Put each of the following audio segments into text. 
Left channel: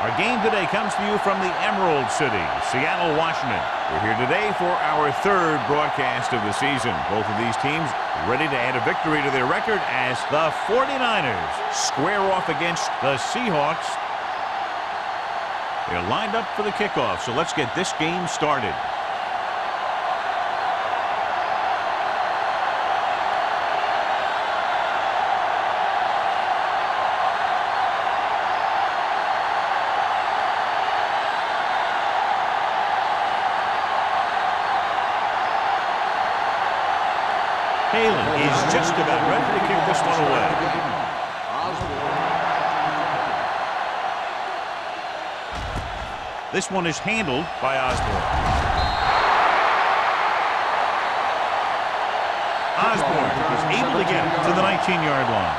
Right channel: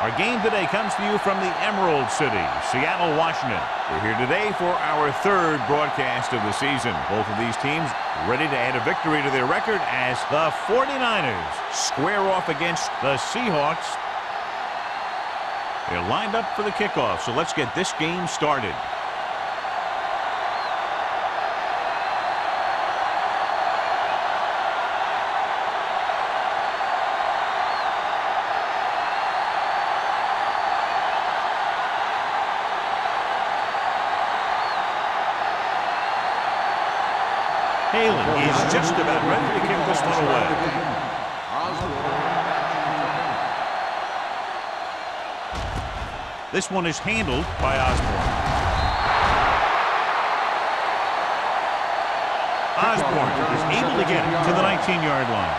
Our game today comes to you from the Emerald City, Seattle, Washington. We're here today for our third broadcast of the season. Both of these teams ready to add a victory to their record as the 49ers square off against the Seahawks. They're lined up for the kickoff, so let's get this game started. Halen is just about ready to kick this one away. This one is handled by Osborne. Osborne is able to get it to the 19-yard line.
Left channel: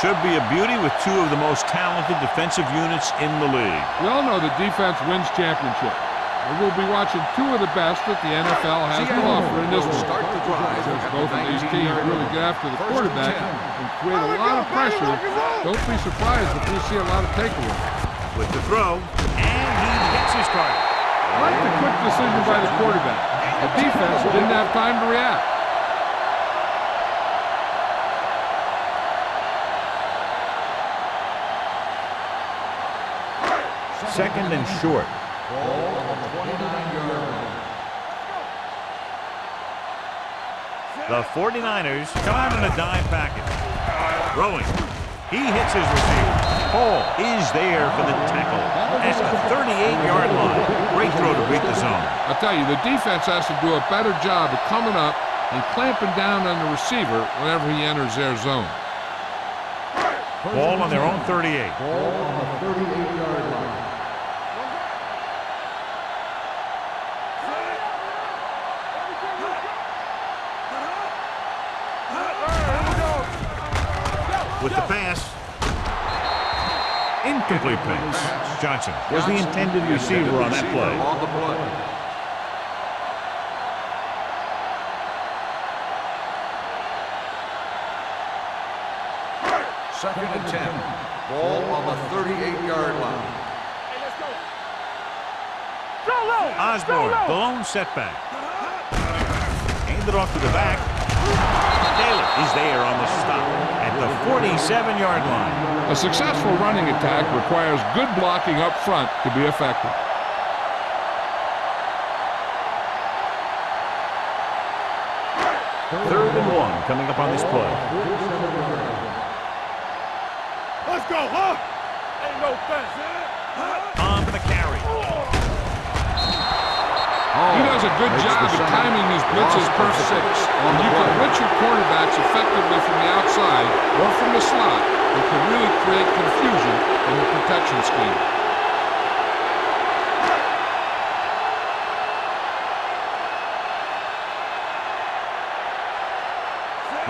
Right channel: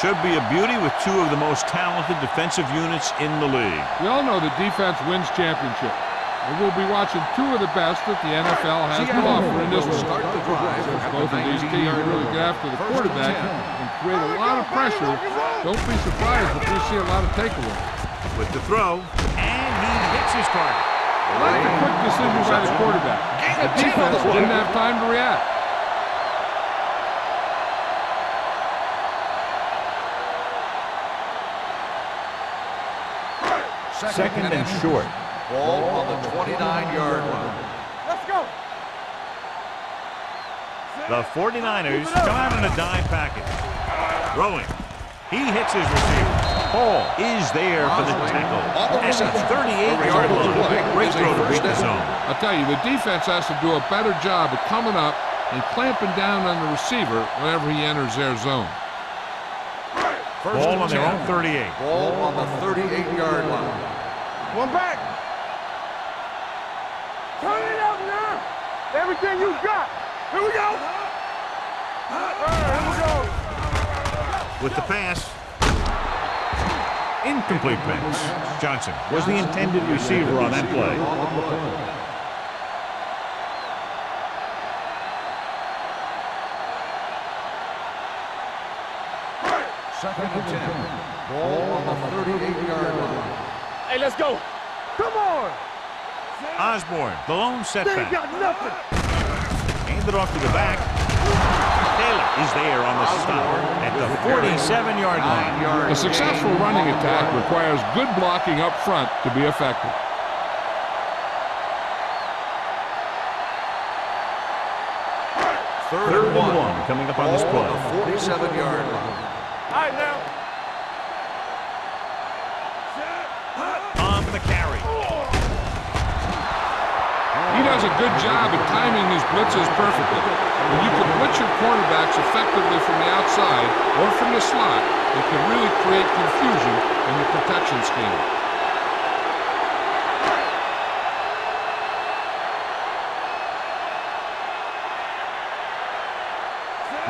Should be a beauty with two of the most talented defensive units in the league. We all know that defense wins championships. And we'll be watching two of the best that the NFL has to offer in this one. Start the drive. Since both of these teams really get after the quarterback and create a lot of pressure, don't be surprised if we see a lot of takeaways. With the throw, and he hits his target. I like the quick decision by the quarterback. The defense didn't have time to react. Second and short. Ball on the 29-yard line. Let's go. The 49ers come out in a dime package. Throwing. He hits his receiver. Hall is there for the tackle at the 38-yard line. Great throw to beat the zone. I'll tell you, the defense has to do a better job of coming up and clamping down on the receiver whenever he enters their zone. Ball on their own 38. Ball on the 38-yard line. One back. Everything you got. Here we go. Here we go. With the pass. Incomplete pass. Johnson was the intended receiver on that play. On the play. Second and 10. Ball on the 38-yard line. Hey, let's go. Come on. Osborne, the lone setback. Handed off to the back. Taylor is there on the stop at the 47-yard line. A successful running attack requires good blocking up front to be effective. Third and one coming up on this play. 47-yard line. All right, now. Let's go, huh? Ain't no fence. On the carry. He does a good job at timing his blitzes perfectly. When you can blitz your quarterbacks effectively from the outside or from the slot, it can really create confusion in the protection scheme.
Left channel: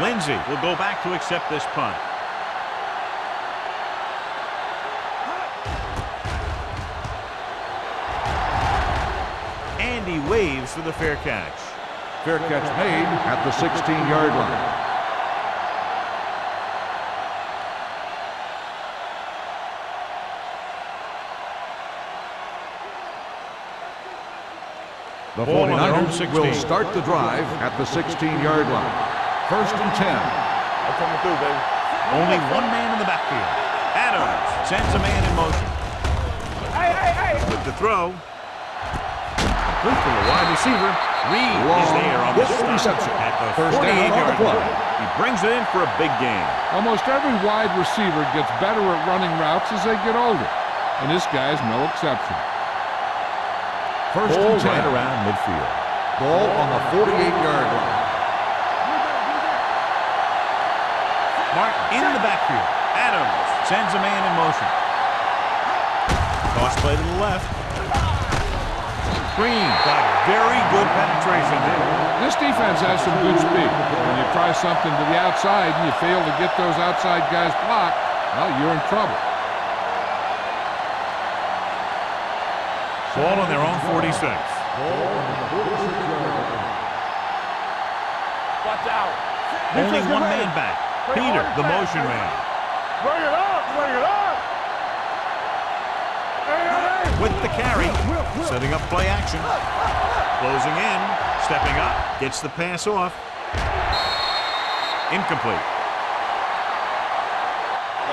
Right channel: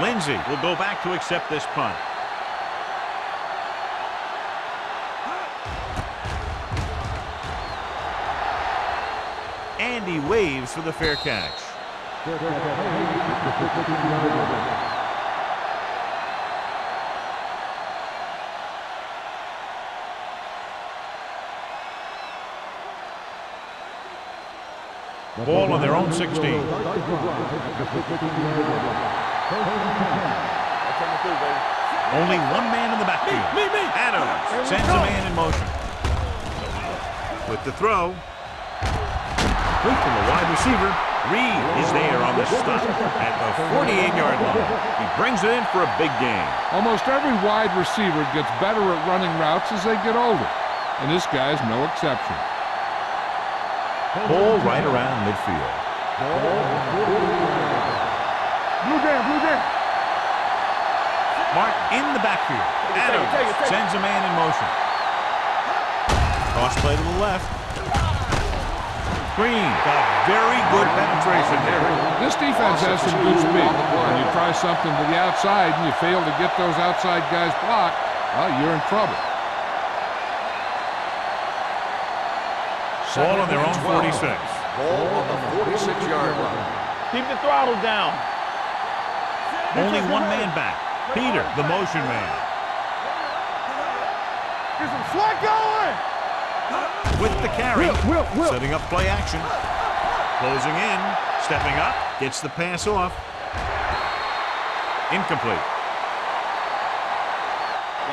Lindsey will go back to accept this punt. And he waves for the fair catch. Fair catch made at the 16-yard line. The Ball on their own 49ers 16. will start the drive at the 16-yard line. First and 10. I'm coming through, baby. Only one man in the backfield. Adams sends a man in motion. With the throw. Complete to the wide receiver. Reed is there on the stop at the 48-yard line. He brings it in for a big gain. Almost every wide receiver gets better at running routes as they get older, and this guy's no exception. Ball right around midfield. Ball on the 48-yard line. Mark in the backfield. Adams sends a man in motion. Toss play to the left. Green got very good penetration there. This defense has some good speed. When you try something to the outside and you fail to get those outside guys blocked, well, you're in trouble. Ball on their own 46. Ball on the 46-yard line. Keep the throttle down. Watch out. Only one man back. Peter, the motion man. Bring it up. Bring it up. with the carry, setting up play action. Closing in, stepping up, gets the pass off. Incomplete.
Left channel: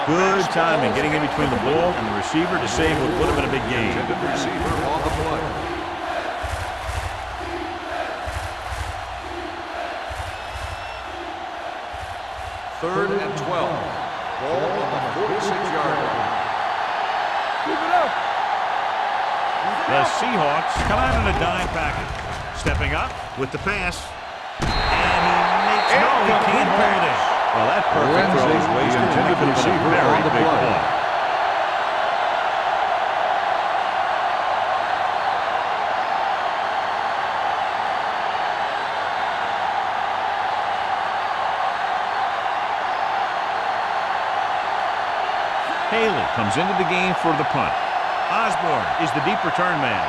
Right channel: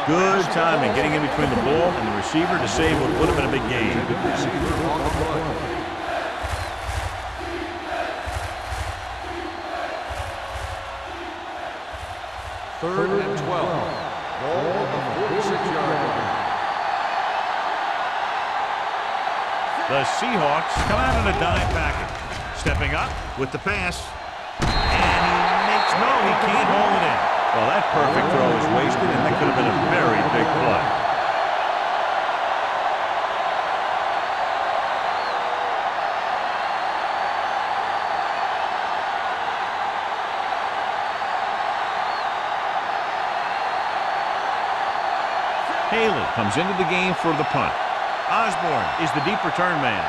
Good timing, getting in between the ball and the receiver to save what would have been a big gain. Receiver on the play. Third and 12. Ball on the 46-yard line. The Seahawks come out in a dime package. Stepping up with the pass. And he makes no, he can't hold it in. Well, that perfect throw is wasted, and that could have been a very big play. Haley comes into the game for the punt. Osborne is the deep return man.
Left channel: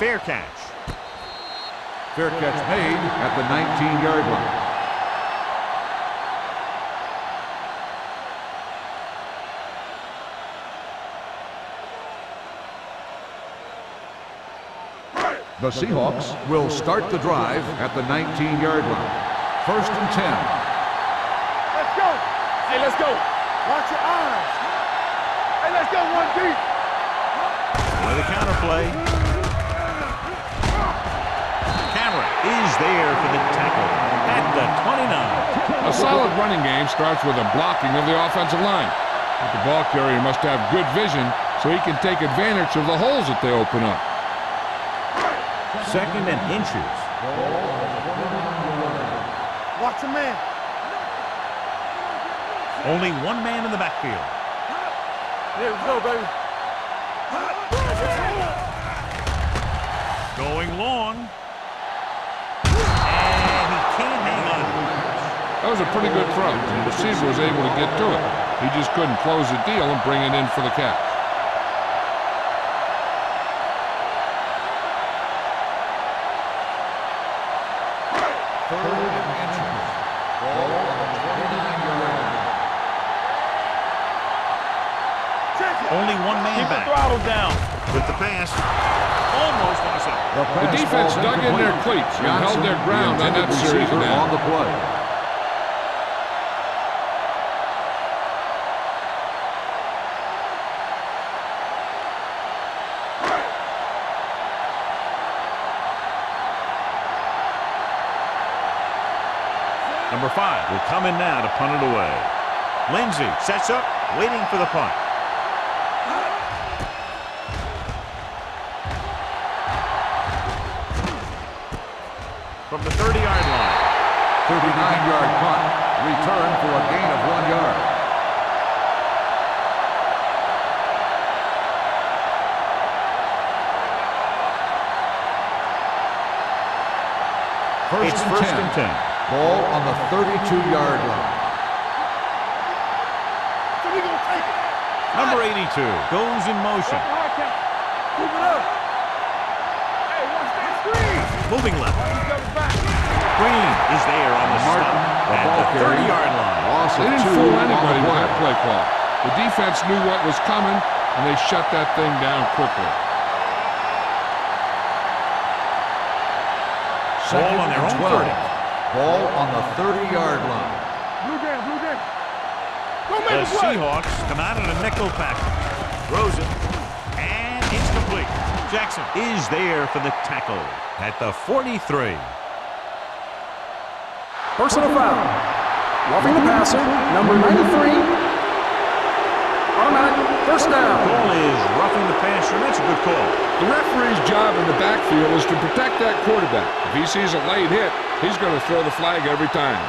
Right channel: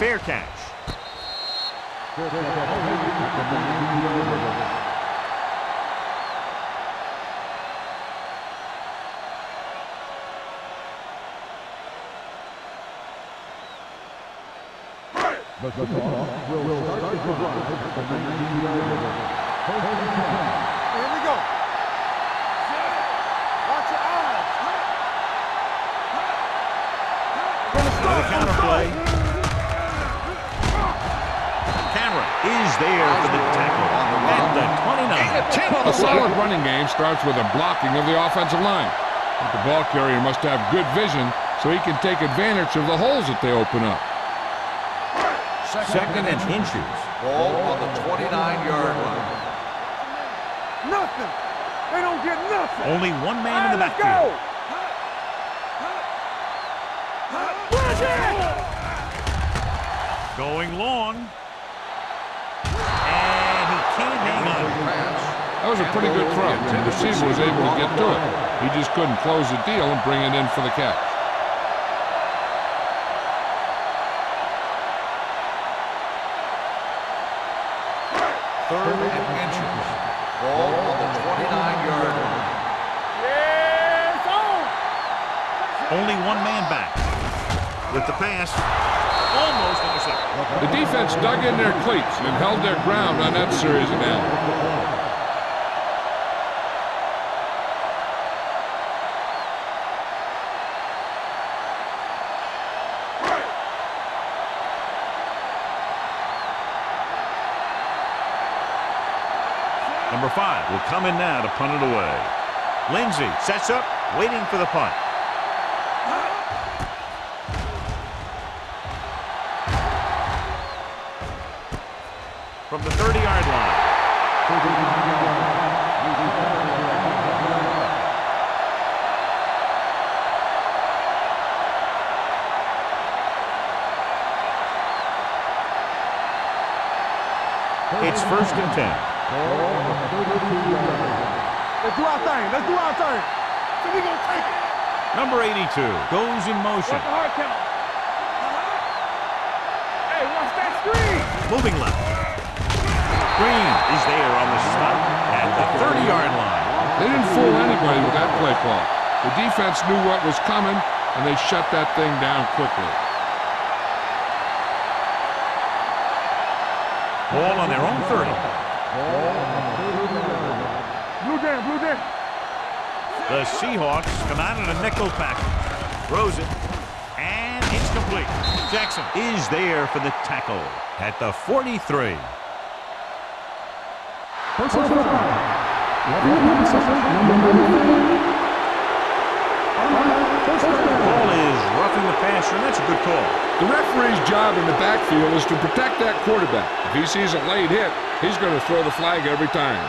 Fair catch. Fair catch made at the 19-yard line. The Seahawks will start the drive at the 19-yard line. First and 10. Here we go. Let's go. Hey, let's go. Watch your eyes. Hey, let's go. One deep. With a counter play. Cameron is there for the tackle at the 29. A solid running game starts with a blocking of the offensive line. But the ball carrier must have good vision so he can take advantage of the holes that they open up. Second and inches. Ball on the 29-yard line. Watch a man. Nothing. They don't get nothing. Only one man in the backfield. Here we go, baby. Going long. And he can't hang on. That was a pretty good throw. The receiver was able to get to it. He just couldn't close the deal and bring it in for the catch. Third and inches. Ball on the 29-yard line. Only one man back. With the pass. Almost intercepted. The defense dug in their cleats and held their ground on that series of downs. Number 5 will come in now to punt it away. Lindsey sets up, waiting for the punt. From the 30-yard line. 39-yard punt. Return for a gain of 1 yard. It's first and 10. Ball on the 32-yard line. Let's do our thing. Let's do our thing. So we gonna take it. Number 82 goes in motion. Watch the hard count. Move it up. Hey, watch that screen. Moving left. Green is there on the stop at the 30-yard line. They didn't fool anybody with that play call. The defense knew what was coming, and they shut that thing down quickly. Ball on their own 30. Ball on the 30-yard line. Blue down, blue down. The Seahawks come out in a nickel package. Throws it. And it's complete. Jackson is there for the tackle at the 43. Personal foul. Roughing the passer, number 93. Automatic first down. Call is roughing the passer, and that's a good call. The referee's job in the backfield is to protect that quarterback. If he sees a late hit, he's going to throw the flag every time.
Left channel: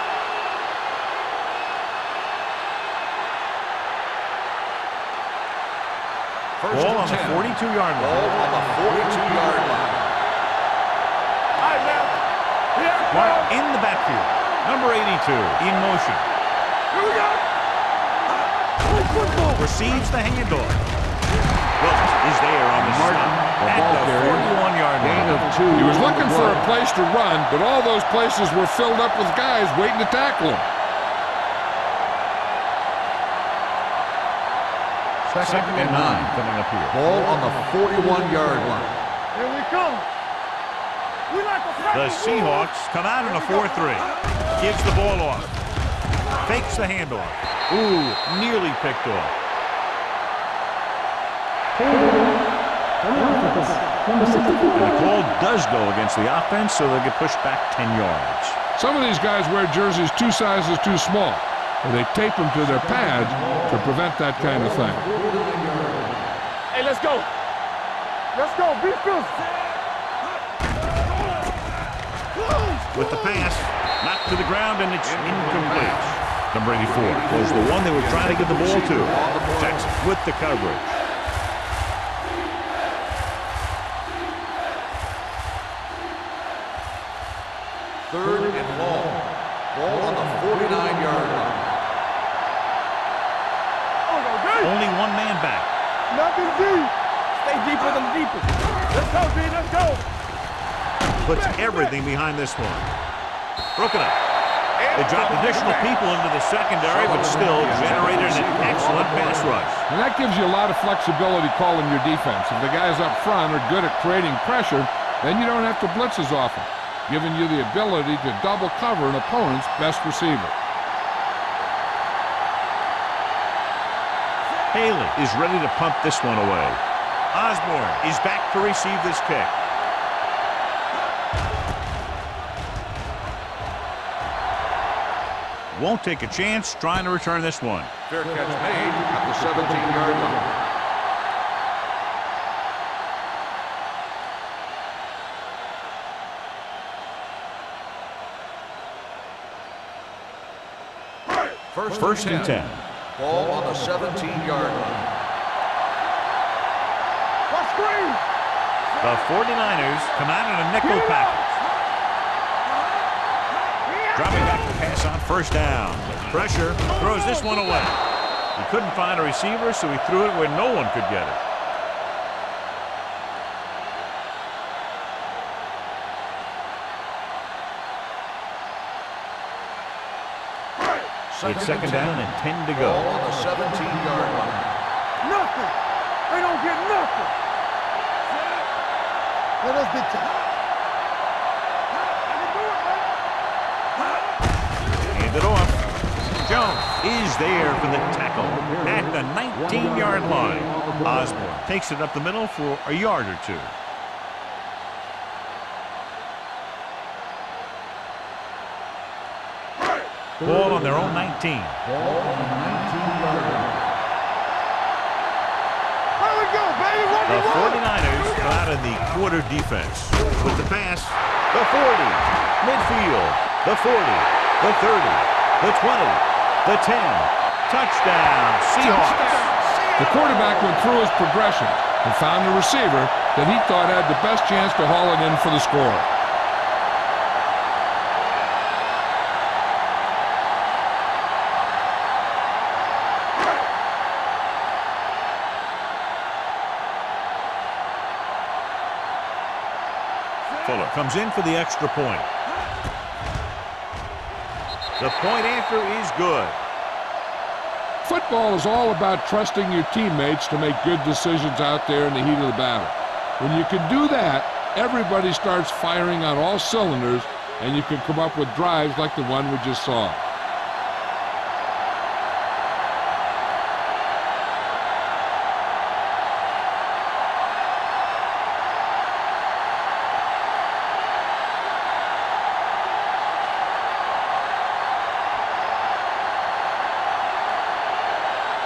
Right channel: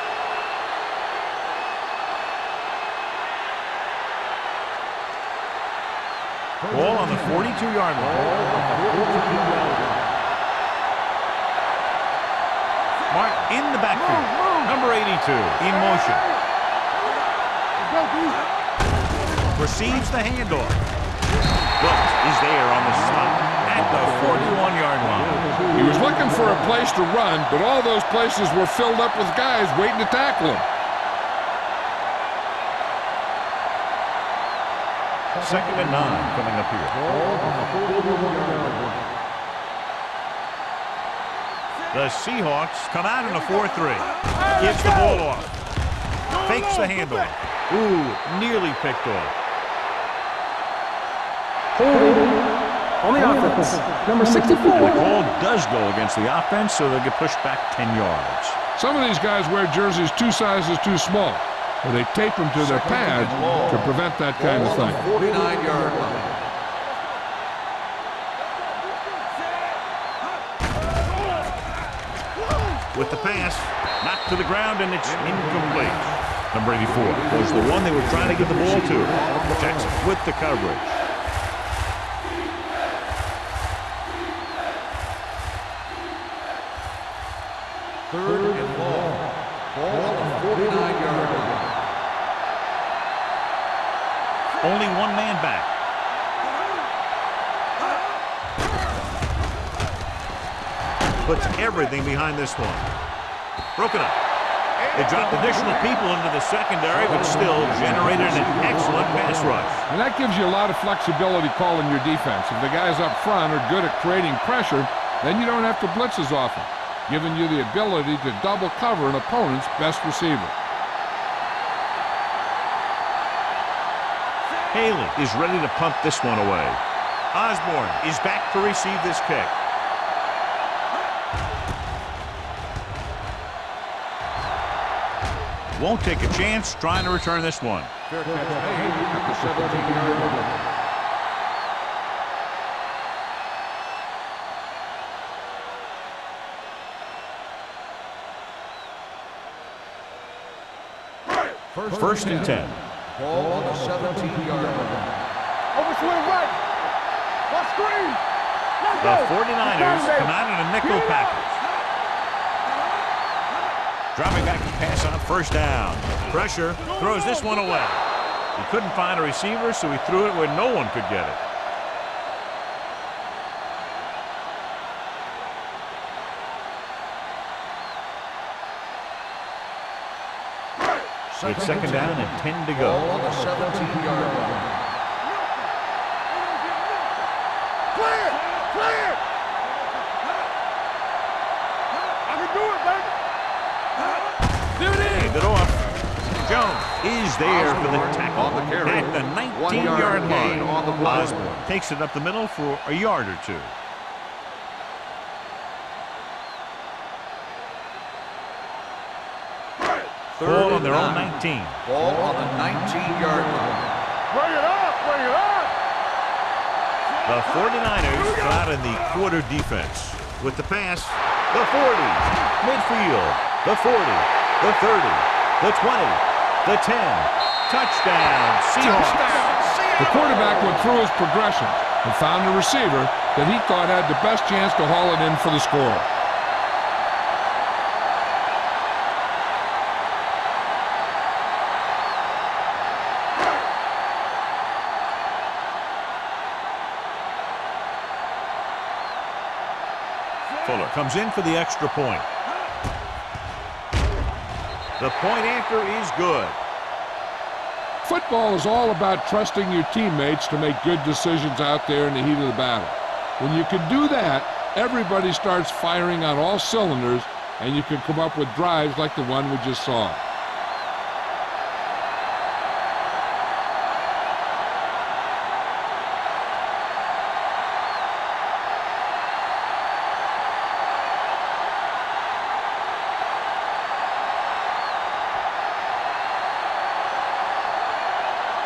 Ball on the 42-yard line. Ball on the 42-yard line. Mark in the backfield. Number 82 in motion. Receives the handoff. Wilkes is there on the stop at the 41-yard line. He was looking for a place to run, but all those places were filled up with guys waiting to tackle him. 2nd and 9 coming up here. Ball on the 41-yard line. Here we come. We like to The Seahawks come out in a 4-3. Gives the ball off. Fakes the handoff. Ooh, nearly picked off. Holding on the offense. Number 64. And the call does go against the offense, so they'll get pushed back 10 yards. Some of these guys wear jerseys 2 sizes too small, or they tape them to their pads to prevent that kind of thing. 49-yard line. Hey, let's go. Let's go. Be With the pass, knocked to the ground, and it's incomplete. Number 84 was the one they were trying to get the ball to. Jackson with the coverage. Third and long. Ball on the 49-yard line. Only one man back. Nothing deep. Stay deeper than deeper. Let's go, B. Let's go. Puts everything behind this one. Broken up. They dropped additional people into the secondary, but still generated an excellent pass rush. And that gives you a lot of flexibility calling your defense. If the guys up front are good at creating pressure, then you don't have to blitz as often, giving you the ability to double cover an opponent's best receiver. Haley is ready to punt this one away. Osborne is back to receive this kick. Won't take a chance trying to return this one. Fair catch made at the 17-yard line. First and 10. Ball on the 17-yard line. Overswing right. Watch screen. The 49ers come out in a nickel package. Dropping back to pass on first down. Pressure, throws this one away. He couldn't find a receiver, so he threw it where no one could get it. It's second down and 10 to go. Ball on the 17-yard line. Nothing. They don't get nothing. Clear. Clear. Let us get to I can do it, baby. Hand it off. Jones is there for the tackle at the 19-yard line. Osborne takes it up the middle for a yard or two. Ball on their own 19. Ball on the 19-yard line. Bring it on. Bring it on. There we go, baby. The 49ers come out in the quarter defense. With the pass, the 40, midfield, the 40, the 30, the 20, the 10. Touchdown, Seahawks. The quarterback went through his progressions and found a receiver that he thought had the best chance to haul it in for the score. Fuller comes in for the extra point. The point after is good. Football is all about trusting your teammates to make good decisions out there in the heat of the battle. When you can do that, everybody starts firing on all cylinders, and you can come up with drives like the one we just saw.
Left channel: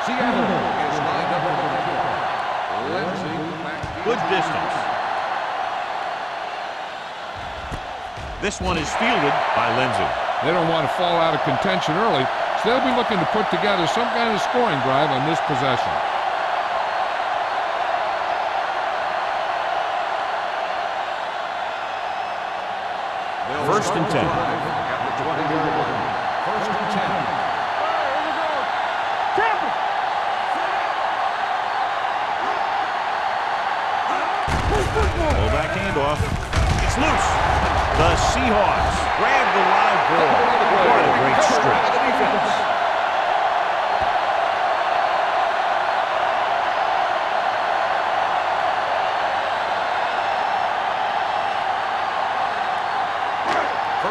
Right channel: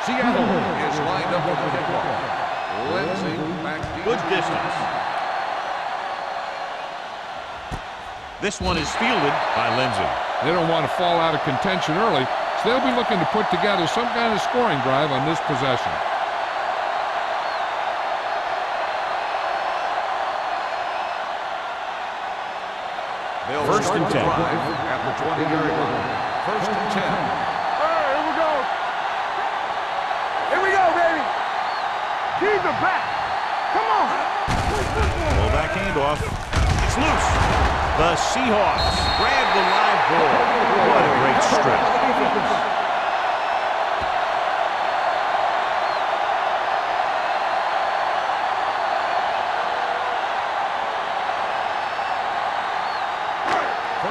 Seattle is lined up for the kickoff. Lindsey back deep. Good distance. This one is fielded by Lindsey. They don't want to fall out of contention early, so they'll be looking to put together some kind of scoring drive on this possession. They'll First and 10. At the 20-yard line. First and 10. All right, here we go. Tampa. Here we go, baby. Keep it back. Come on. Play football. Full back handoff. It's loose. The Seahawks grab the live ball. What a great strip.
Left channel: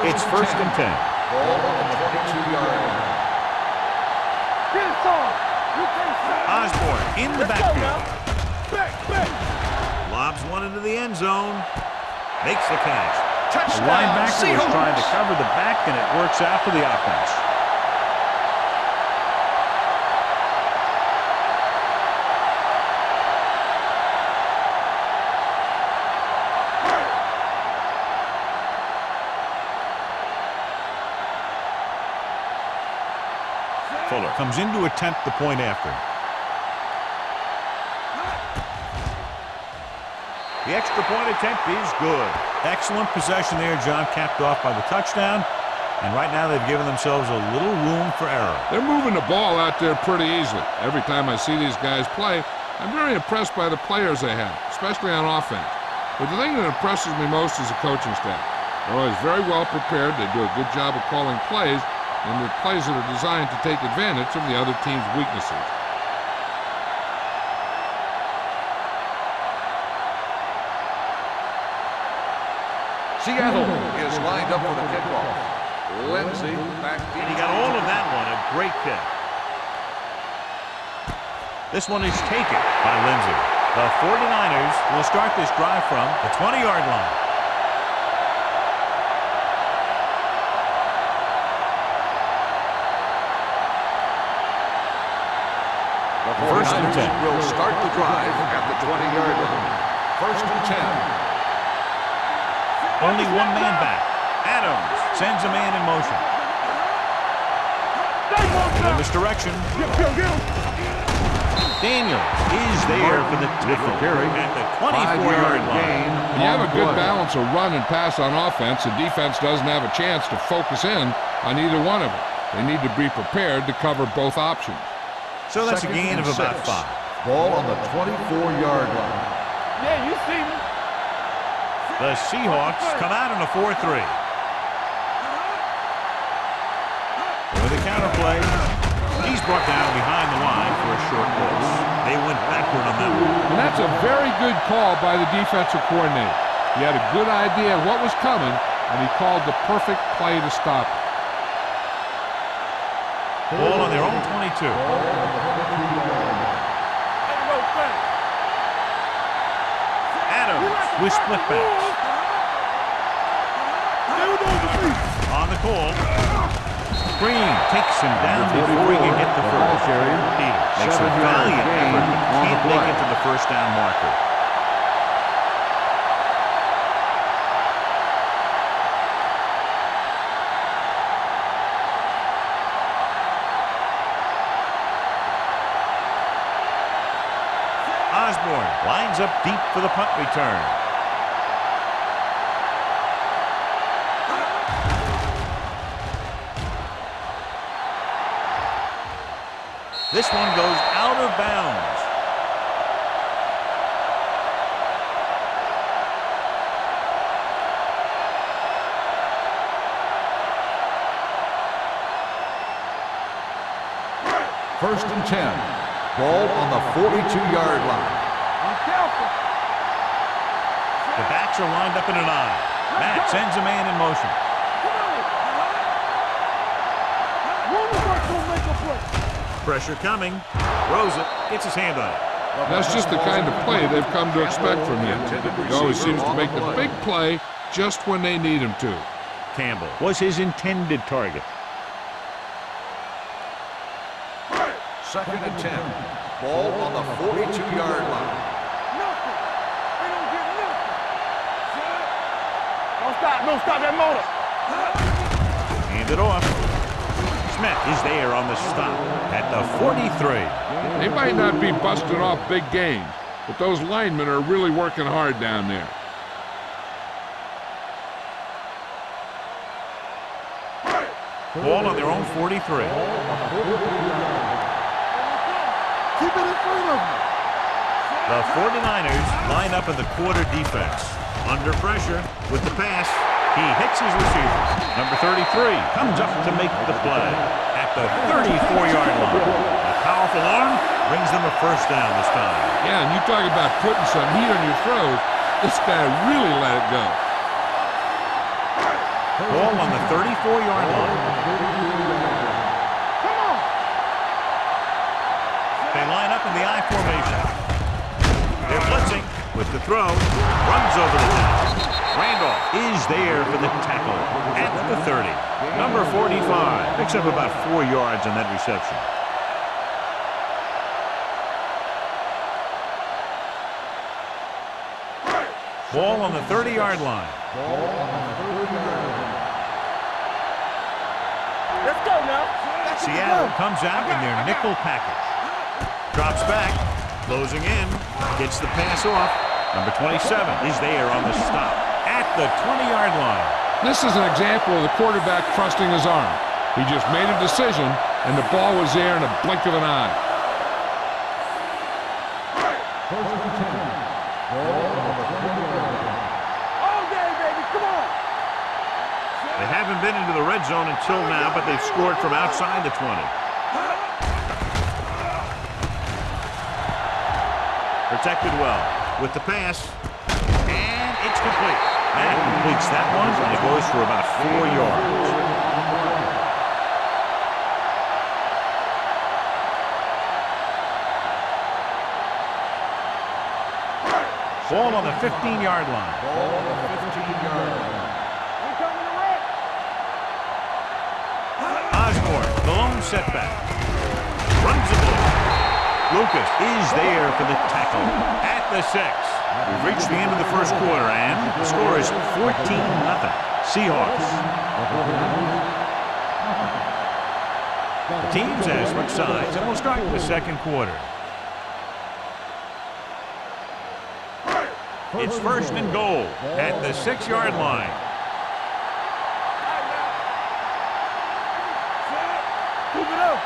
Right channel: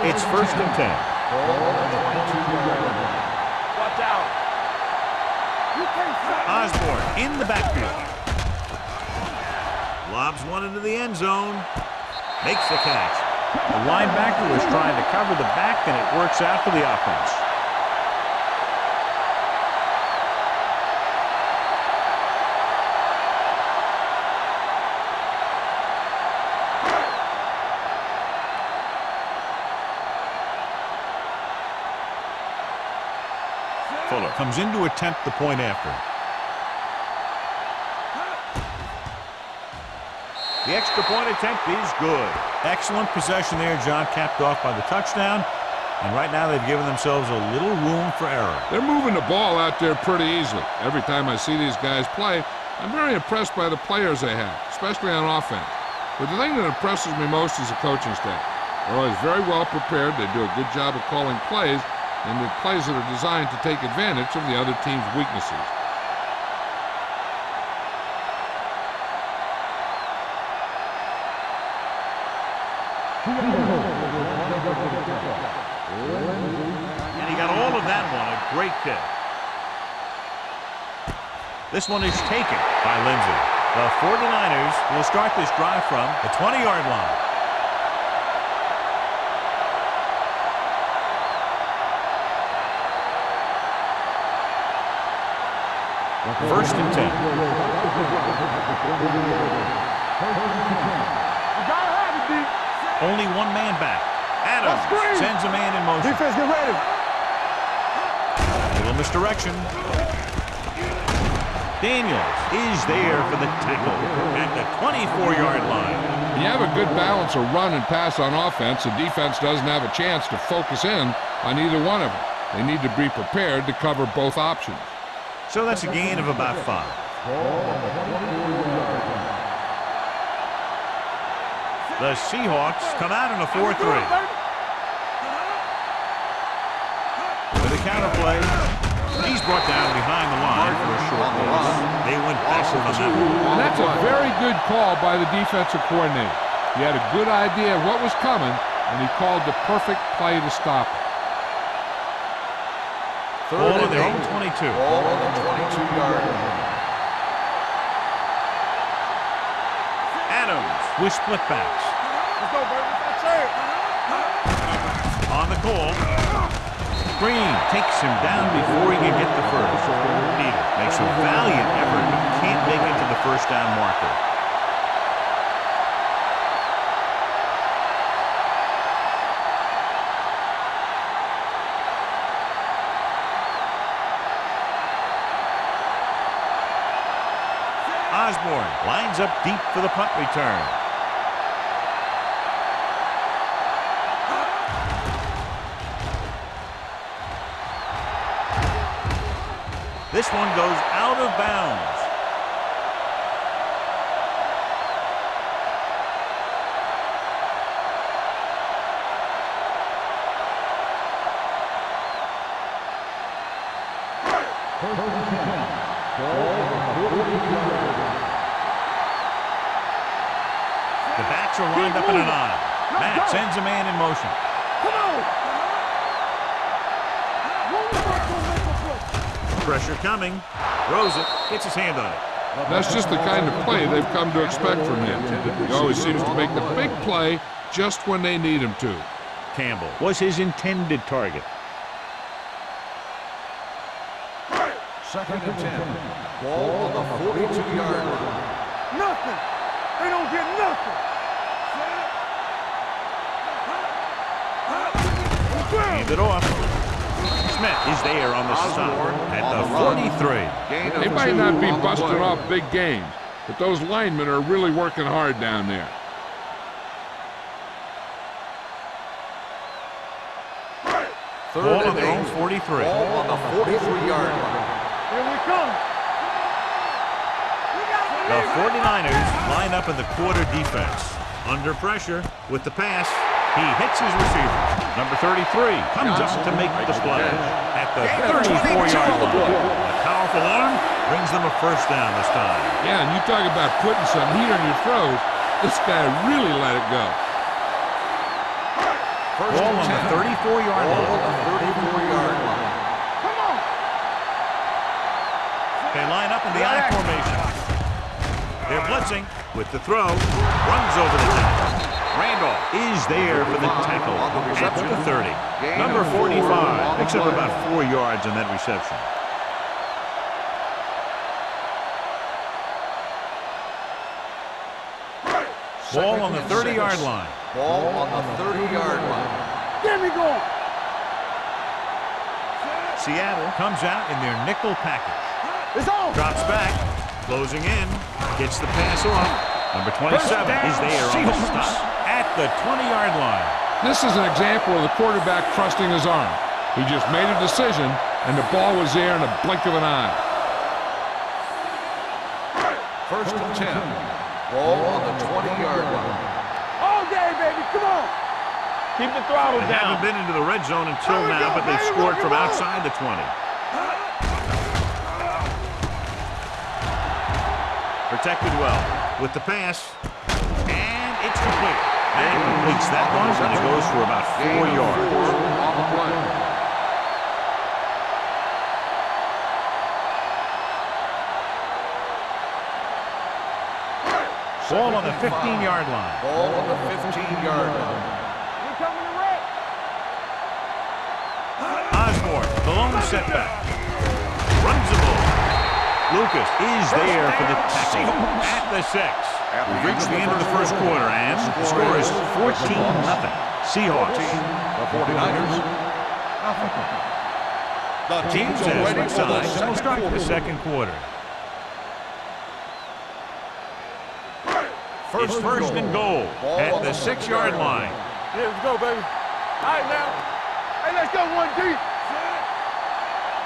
It's first and 10. Ball on the 22-yard line. Watch out. Get it, son. You can't stop. Osborne in the backfield. Back. Lobs one into the end zone. Makes the catch. The linebacker was trying to cover the back, and it works out for the offense. Fuller comes in to attempt the point after. The extra point attempt is good. Excellent possession there, John, capped off by the touchdown. And right now they've given themselves a little room for error. They're moving the ball out there pretty easily. Every time I see these guys play, I'm very impressed by the players they have, especially on offense. But the thing that impresses me most is the coaching staff. They're always very well prepared. They do a good job of calling plays, and the plays that are designed to take advantage of the other team's weaknesses. Seattle is lined up for the kickoff. Lindsey back. And he got all of that one. A great kick. This one is taken by Lindsey. The 49ers will start this drive from the 20-yard line. First and 10. Will start the drive at the 20-yard line. First and 10. Only one man back. Adams sends a man in motion. Defense, get ready. Little misdirection. Daniels is there for the tackle at the 24-yard line. When you have a good balance of run and pass on offense, the defense doesn't have a chance to focus in on either one of them. They need to be prepared to cover both options. So that's a gain of about 5. Ball on the 24-yard line. Yeah, you see me. The Seahawks come out in a 4-3. With a counter play, he's brought down behind the line for a short loss. They went backward on that one. And that's a very good call by the defensive coordinator. He had a good idea of what was coming, and he called the perfect play to stop it. Ball on their own 22. Ball on the 22-yard line. Adams with split backs. On the call. Green takes him down before he can get the first. Peter makes a valiant effort but can't make it to the first down marker. Osborne lines up deep for the punt return. This one goes out of bounds. First and 10. Ball on the 42-yard line. The backs are lined up in an eye. Matt sends a man in motion. Come on. Make a play. Pressure coming. Throws it. Gets his hand on it. That's just the kind of play they've come to expect from him. He always seems to make the big play just when they need him to. Campbell was his intended target. Second and 10. Ball on the 42-yard line. Nothing. They don't get nothing. Don't stop. Don't stop that motor. Hand it off. Smith is there on the stop at the 43. They might not be busting off big gains, but those linemen are really working hard down there. Ball on their own 43. Ball on the 43-yard line. Here we come. Keep it in front of them. The 49ers line up in the quarter defense. Under pressure with the pass. He hits his receiver. Number 33 comes up to make the play at the 34-yard line. A powerful arm brings them a first down this time. Yeah, and you talk about putting some heat on your throws. This guy really let it go. Ball on the 34-yard line. Come on. They line up in the I formation. They're blitzing with the throw. Runs over the tackle. Randolph is there for the tackle at the 30. Number 45 picks up about 4 yards on that reception. Ball on the 30-yard line. Ball on the 30-yard line. Get me going. Let's go now. Seattle comes out in their nickel package. It's on. Drops back, closing in, gets the pass off. Number 27 is there on the stop at the 20-yard line. This is an example of the quarterback trusting his arm. He just made a decision, and the ball was there in a blink of an eye. First and 10. Ball on the 20-yard line. All day, baby. Come on. Keep the throttle. They haven't been into the red zone until now, but they've scored from outside the 20. Protected well with the pass, and it's complete. Matt completes that one, and it goes for about 4 yards. On the play. Ball on the 15-yard line. Ball on the 15-yard line. We coming to wreck. Osborne, the lone setback. Runs the ball. Lucas is there for the tackle at the 6. We've reached the end of the first quarter, and the score is 14-0. Seahawks. The teams have switched sides, and we'll start the second quarter. It's first and goal at the 6-yard line. Yeah, let's go, baby. All right, now. Hey, let's go one deep. Set. Move it up.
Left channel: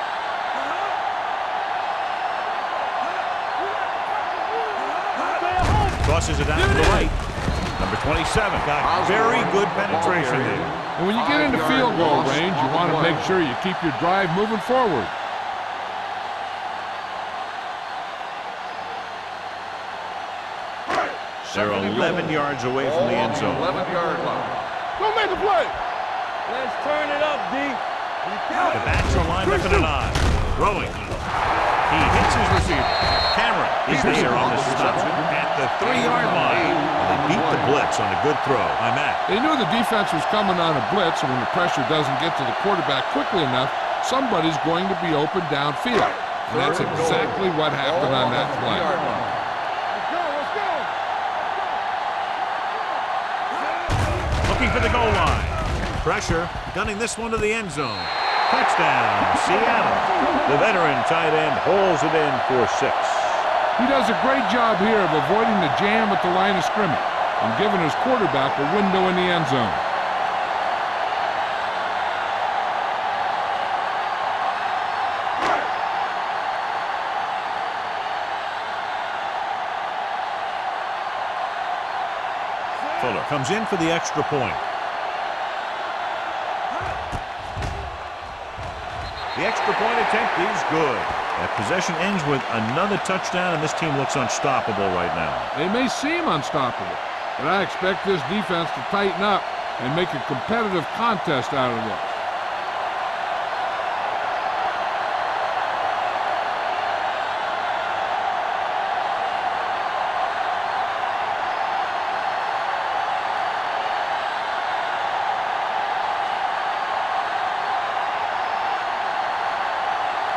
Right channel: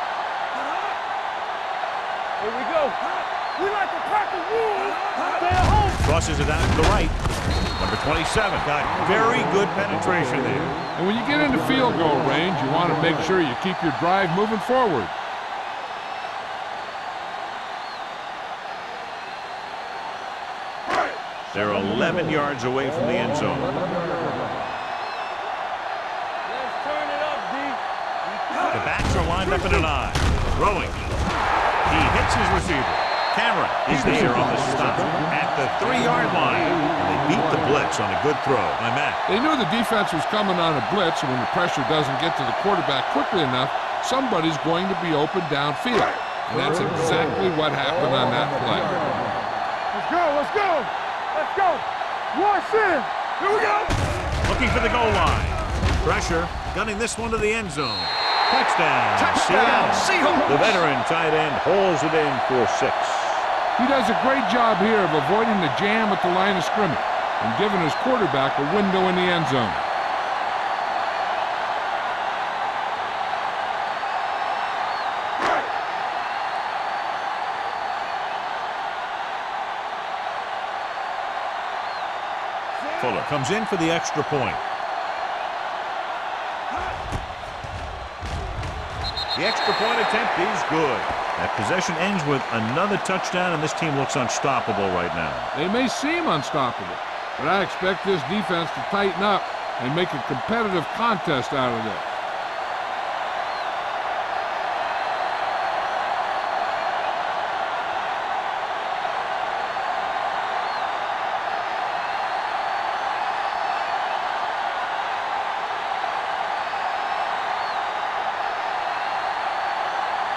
Here we go. We like a pack of wolves. Stay at home. Crosses it out to the right. Number 27 got very good penetration there. And when you get into field goal range, you want to make sure you keep your drive moving forward. They're 11 yards away from the end zone. 11-yard line. Go make a play. Let's turn it up, D. The backs are lined up in an I. Throwing. He hits his receiver. Cameron is there on the stop at the 3-yard line. And they beat the blitz on a good throw by Matt. They knew the defense was coming on a blitz, and when the pressure doesn't get to the quarterback quickly enough, somebody's going to be open downfield. And that's exactly what happened on that play. Let's go, let's go. Let's go. Wash in. Here we go. Looking for the goal line. Pressure, gunning this one to the end zone. Touchdown, Seattle. The veteran tight end hauls it in for 6. He does a great job here of avoiding the jam at the line of scrimmage and giving his quarterback a window in the end zone. Fuller comes in for the extra point. The extra point attempt is good. That possession ends with another touchdown, and this team looks unstoppable right now. They may seem unstoppable, but I expect this defense to tighten up and make a competitive contest out of this.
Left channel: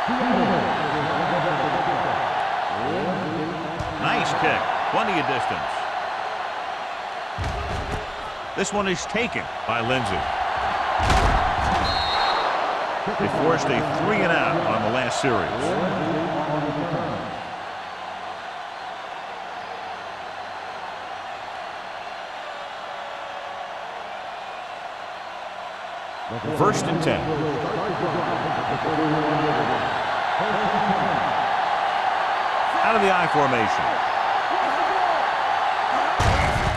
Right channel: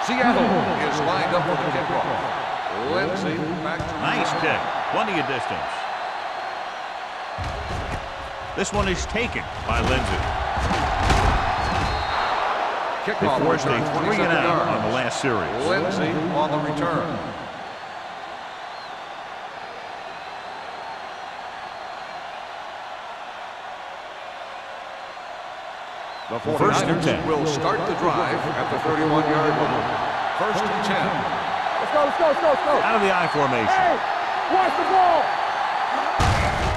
Seattle is lined up for the kickoff. Lindsay back to Nice kick. Plenty of distance. This one is taken by Lindsay. They forced a 3-and-out on the last series. Lindsay on the return. The First and 10. will start the drive at the 31-yard line. First and 10. Let's go, let's go, let's go, let's go. Out of the I formation. Hey, watch the ball.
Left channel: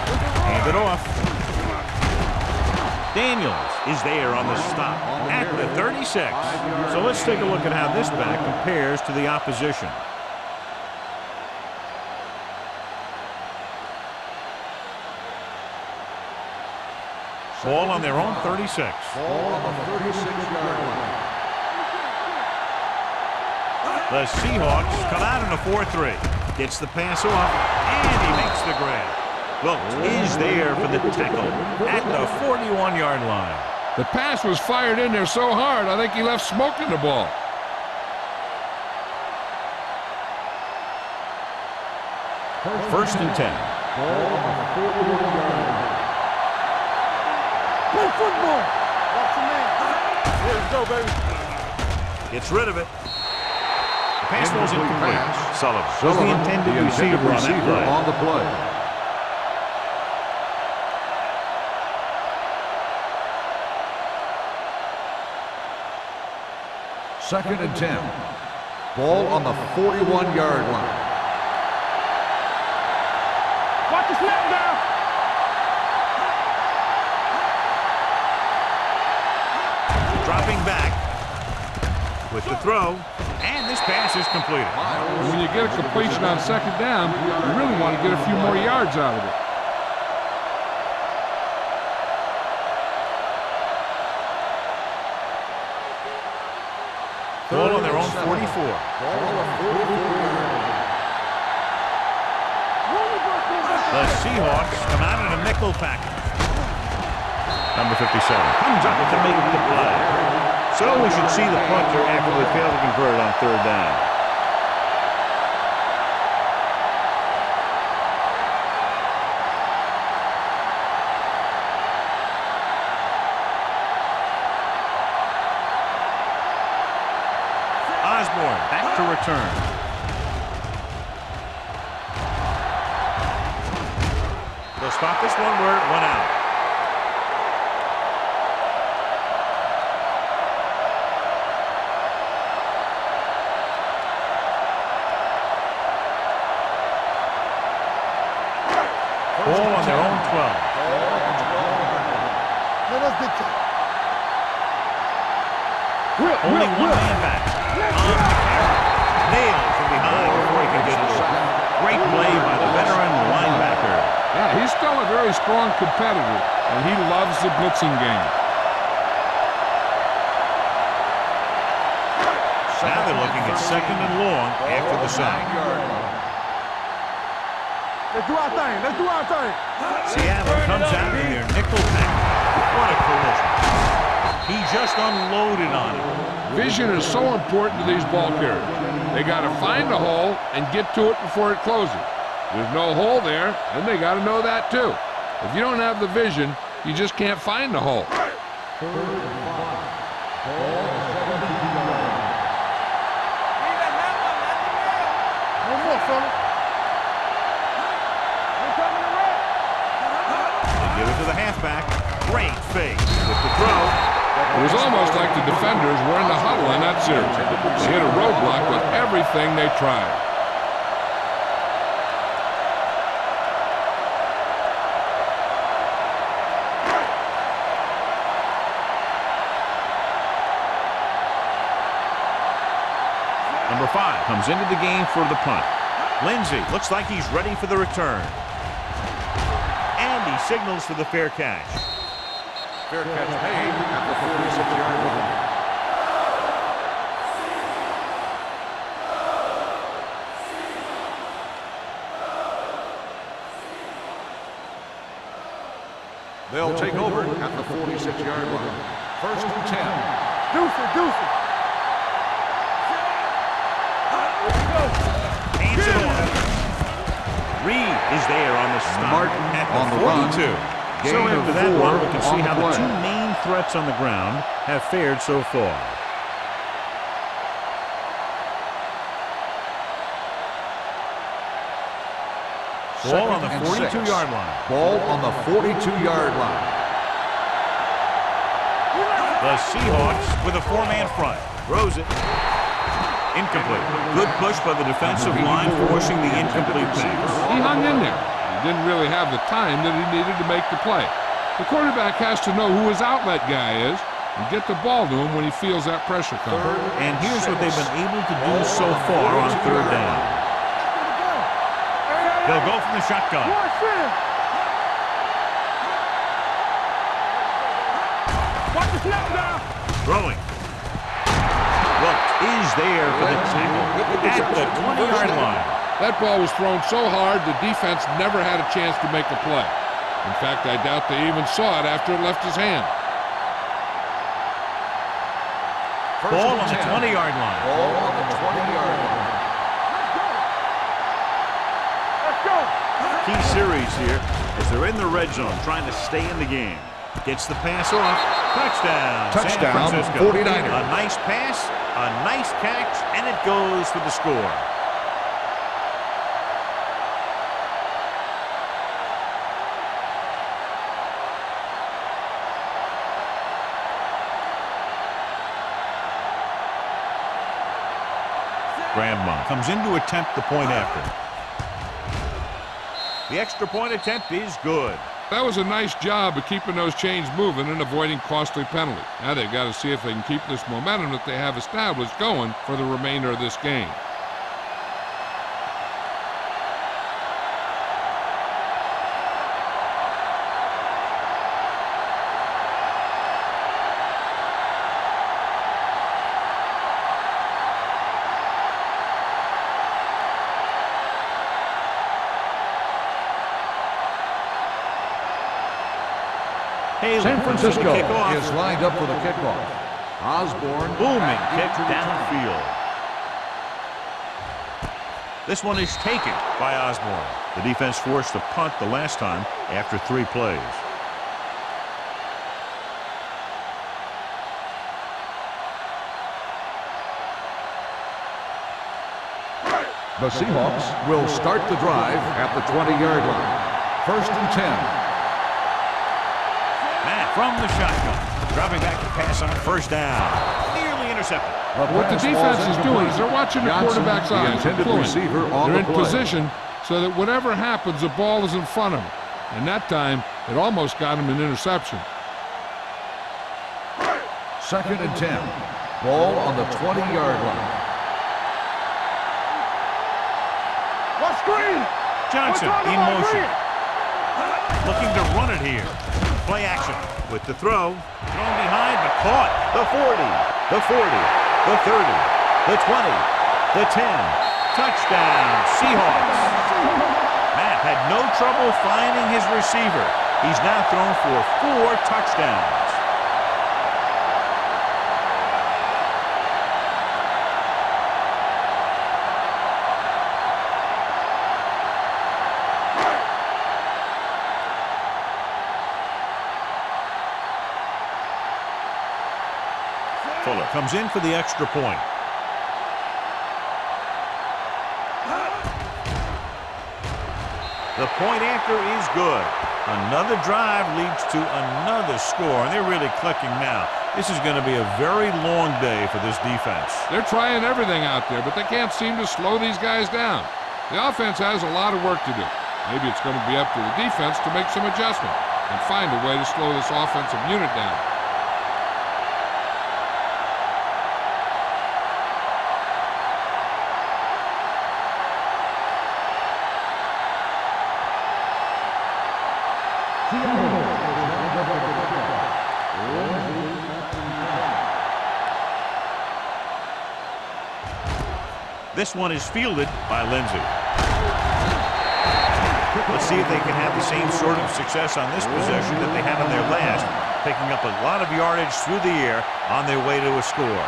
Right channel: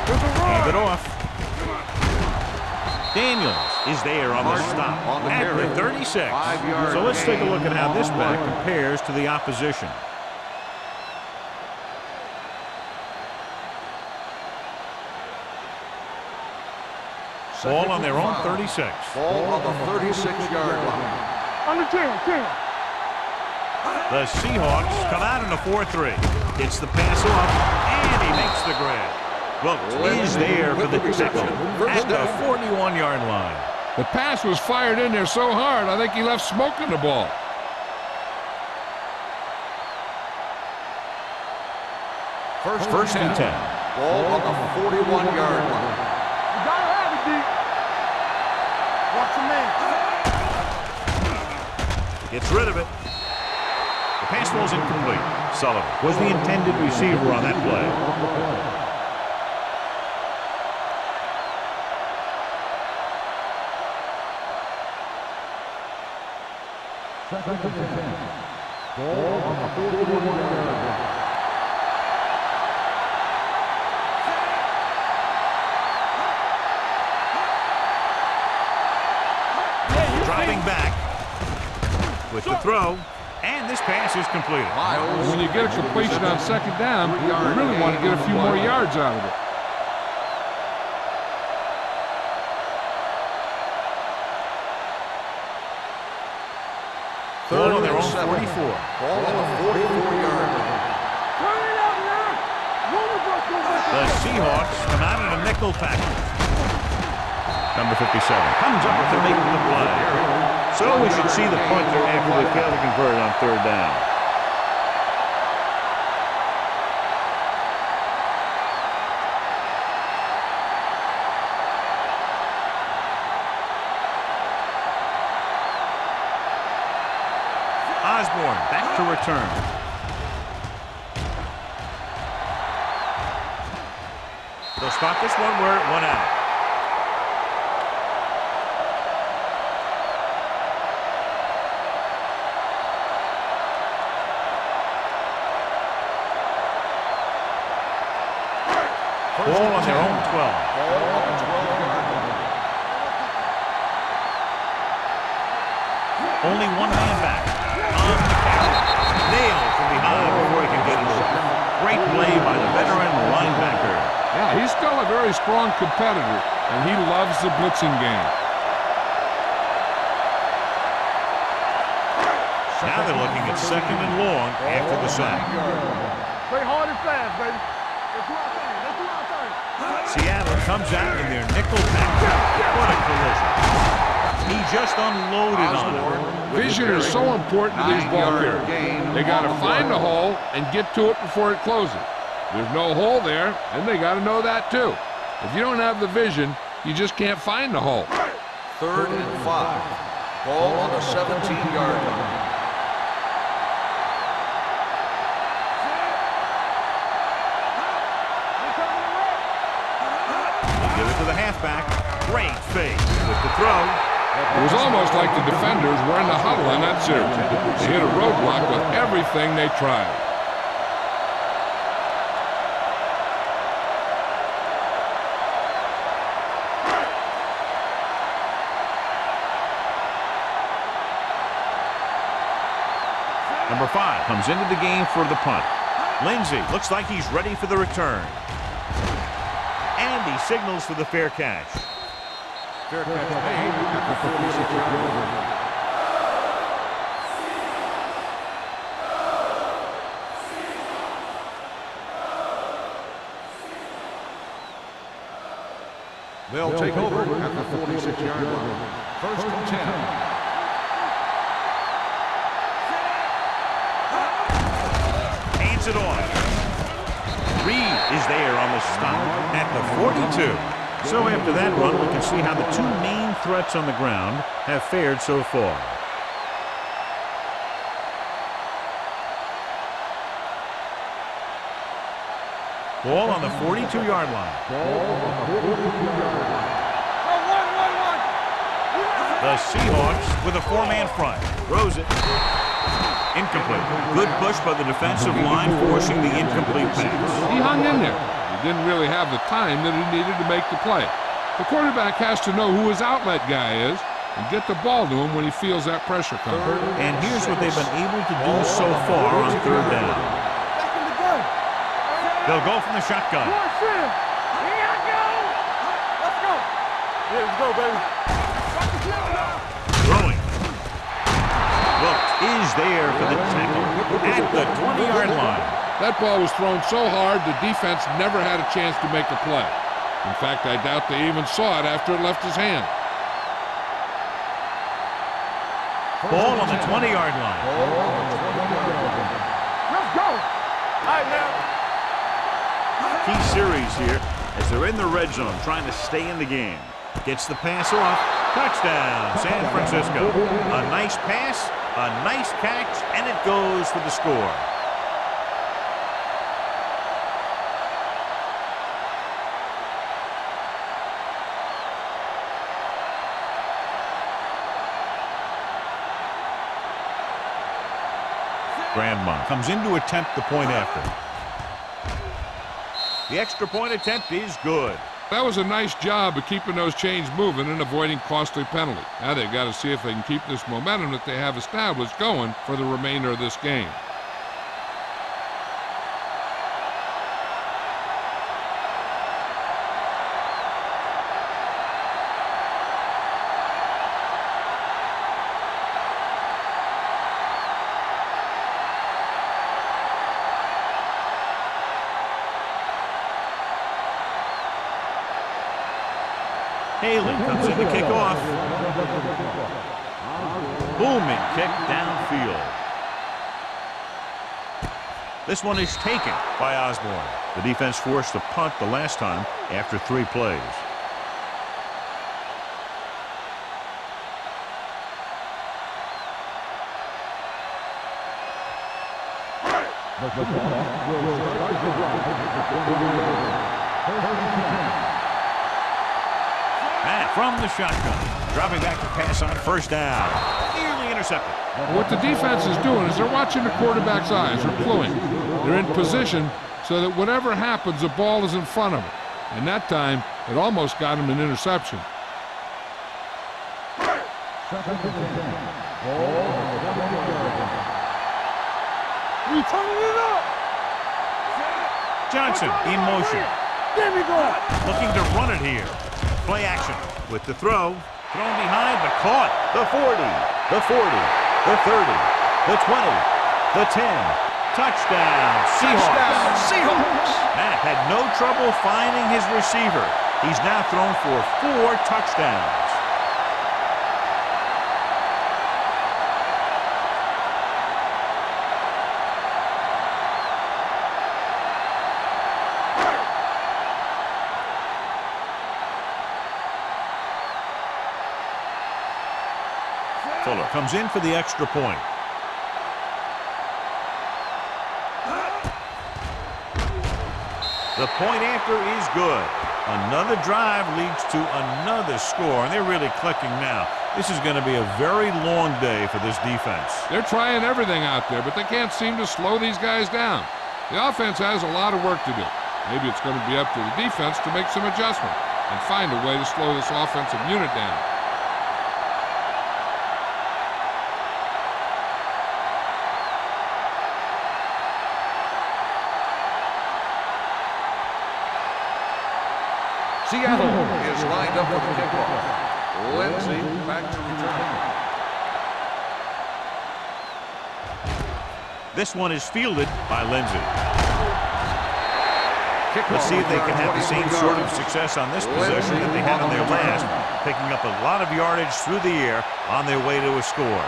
There's a run. Hand it off. Daniels is there on the stop at the 36. So let's take a look at how this back compares to the opposition. Ball on their own 36. Ball on the 36-yard line. Under 10. The Seahawks come out in a 4-3. Gets the pass off, and he makes the grab. Wilkes is there for the tackle at the 41-yard line. The pass was fired in there so hard, I think he left smoke in the ball. First and 10. Ball on the 41-yard line. Play football. Watch the man. Gets rid of it. The pass ball's incomplete. Sullivan was the intended receiver on that play. On the play. Second and 10. Ball on the 41-yard line. Watch the snap down. Dropping back with the throw, and this pass is completed. And when you get a completion on second down, you really want to get a few more yards out of it. Ball on their own 44. Ball on the 44-yard line. The Seahawks come out in a nickel package. Number 57 comes up to make the play. So we should see the punter after they fail to convert on third down. Osborne back to return. They'll spot this one where it went out. Ball on their own 12. Ball on the 12-yard line. Only one man back. On the carry. Nailed from behind before he can get it over. Great play by the veteran linebacker. Yeah, he's still a very strong competitor, and he loves the blitzing game. Now they're looking at second and long after the sack. Play hard and fast, baby. Let's do our thing. Let's do our thing. Seattle comes out in their nickel package. What a collision. He just unloaded on him. Vision is so important to these ball carriers. They got to find the hole and get to it before it closes. There's no hole there, and they got to know that too. If you don't have the vision, you just can't find the hole. Third and 5. Ball on the 17-yard line. They give it to the halfback. Great fake with the throw. It was almost like the defenders were in the huddle in that series. They hit a roadblock with everything they tried. Number 5 comes into the game for the punt. Lindsey looks like he's ready for the return. And he signals for the fair catch. Fair catch made at the 46-yard line. They'll take over at the 46-yard line. First and 10. Hands it off. Reed is there on the stop at the 42. So after that run, we can see how the two main threats on the ground have fared so far. Ball on the 42-yard line. Ball on the 42-yard line. The Seahawks with a four-man front. Throws it. Incomplete. Good push by the defensive line, forcing the incomplete pass. He hung in there. He didn't really have the time that he needed to make the play. The quarterback has to know who his outlet guy is and get the ball to him when he feels that pressure coming. And here's what they've been able to do so far on third down. Back in the gun. They'll go from the shotgun. Let's go. Watch the snap now. Throwing. Wilkes is there for the tackle at the 20-yard line. That ball was thrown so hard the defense never had a chance to make a play. In fact, I doubt they even saw it after it left his hand. Ball on the 20-yard line. Ball on the 20-yard line. Let's go. All right, man. Let's go. Key series here as they're in the red zone trying to stay in the game. Gets the pass off. Touchdown, San Touchdown, Francisco. 49ers. A nice pass, a nice catch, and it goes for the score. Grandma comes in to attempt the point after. The extra point attempt is good. That was a nice job of keeping those chains moving and avoiding costly penalties. Now they've got to see if they can keep this momentum that they have established going for the remainder of this game. Haley San comes in to Francisco kick off. is lined up for the kickoff. Osborne. Booming kick downfield. This one is taken by Osborne. The defense forced a punt the last time after 3 plays. The Seahawks will start the drive at the 20-yard line. First and 10. Matt from the shotgun. Dropping back to pass on first down. Nearly intercepted. What the defense is doing is they're watching the quarterback's eyes. They're cluing. They're in position so that whatever happens, the ball is in front of them. And that time, it almost got him an interception. Second and 10. Ball on the 20-yard line. You turning it up. Let's screen. Johnson in motion. Looking to run it here. Play action with the throw. Thrown behind, but caught. The 40, the 40, the 30, the 20, the 10. Touchdown, Seahawks. Matt had no trouble finding his receiver. He's now thrown for 4 touchdowns. Fuller comes in for the extra point. The point after is good. Another drive leads to another score, and they're really clicking now. This is going to be a very long day for this defense. They're trying everything out there, but they can't seem to slow these guys down. The offense has a lot of work to do. Maybe it's going to be up to the defense to make some adjustment and find a way to slow this offensive unit down. Seattle is lined up for the kickoff. Lindsay back to return. This one is fielded by Lindsay. Let's see if they can have the same sort of success on this possession that they had on their last, picking up a lot of yardage through the air on their way to a score.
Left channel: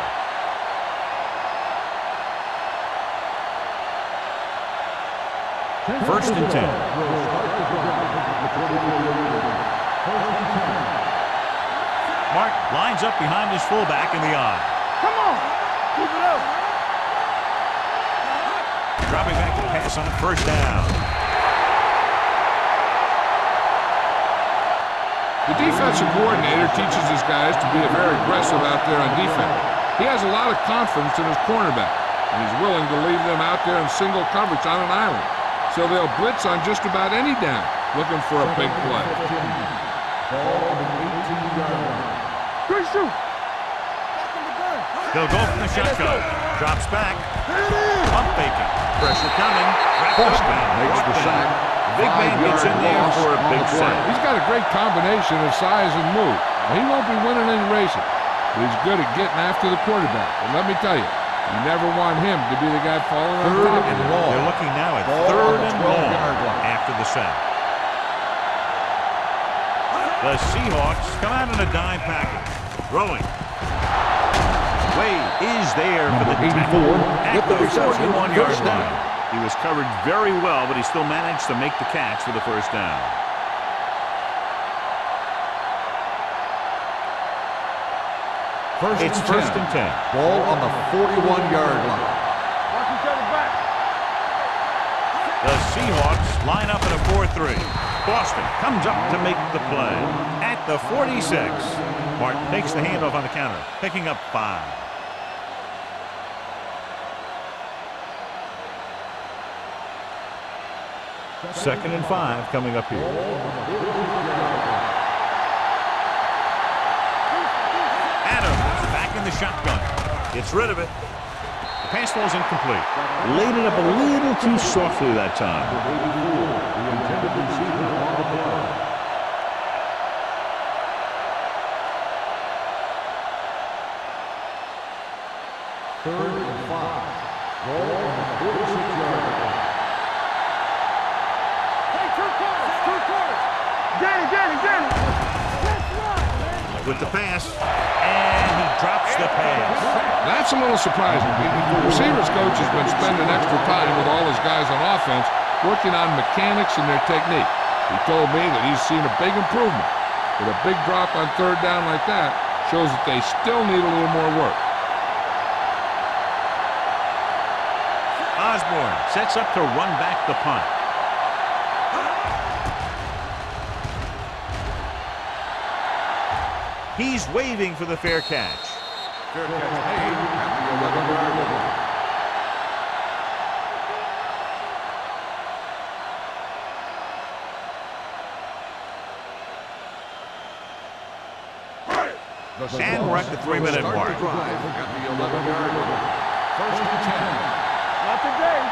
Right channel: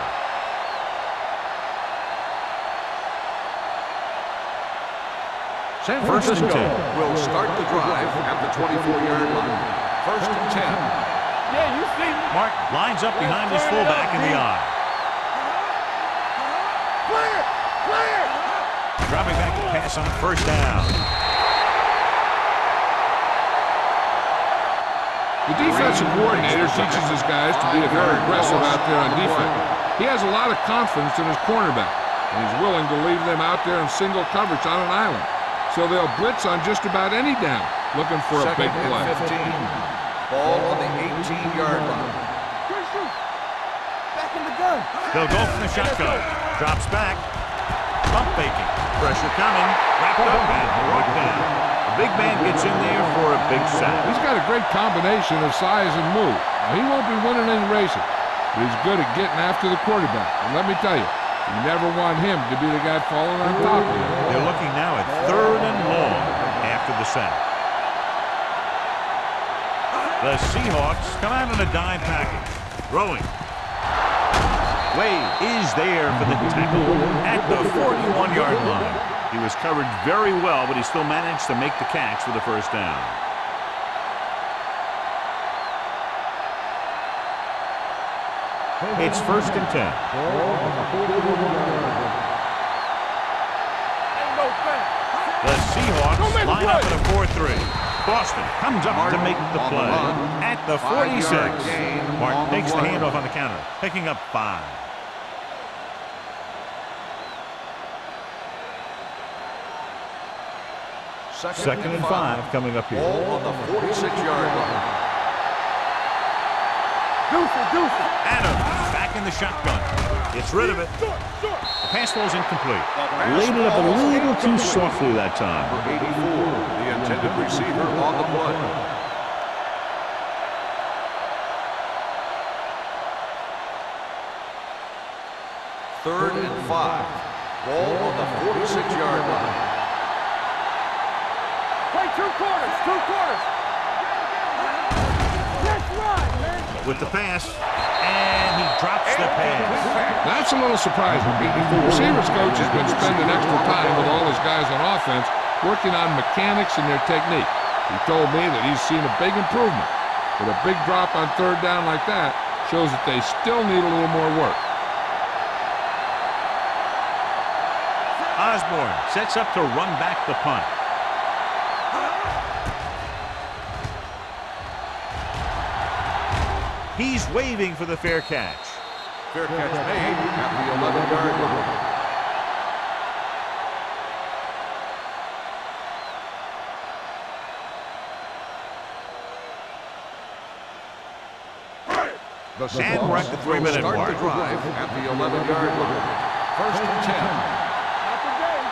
First and 10. Will start the drive at the 24-yard line. First and 10. Yeah, you see it. Martin lines up behind his fullback in the eye. Come on. Keep it up. Play it. Play it. Dropping back to pass on first down. The defensive coordinator teaches his guys to be very aggressive out there on defense. He has a lot of confidence in his cornerback, and he's willing to leave them out there in single coverage on an island. So they'll blitz on just about any down, looking for a big play. Ball on the 18-yard line. Good shoot. Back in the gun. They'll go from the shotgun. Drops back. Pump faking. Pressure coming. Wrapped up and brought down. The big man gets in there for a big sack. He's got a great combination of size and move. Now, he won't be winning any races, but he's good at getting after the quarterback. And let me tell you, you never want him to be the guy falling on top of you. They're looking now at 3rd and long after the sack. The Seahawks come out in a dime package. Throwing. Wade is there for the tackle at the 41-yard line. He was covered very well, but he still managed to make the catch for the first down. It's 1st and 10. Ball on the 41-yard line. The Seahawks line up in a 4-3. Boston comes up to make the play at the 46. Martin takes the handoff on the counter, picking up 5. Second and 5 coming up here. Ball on the 46-yard line. Adams back in the shotgun. Gets rid of it. The pass falls incomplete. Laid it up a little too softly that time. 84, the intended receiver on the play. Third and 5. Ball on the 46-yard line. Play 2 quarters. That's right, man. With the pass, and he drops the pass. That's a little surprising. The receivers coach has been spending extra time with all his guys on offense working on mechanics and their technique. He told me that he's seen a big improvement. But a big drop on 3rd down like that shows that they still need a little more work. Osborne sets up to run back the punt. He's waving for the fair catch. Fair catch made at the 11-yard line. The And we're at the 3-minute start mark. the drive at the 11-yard line. 1st and 10. Not today.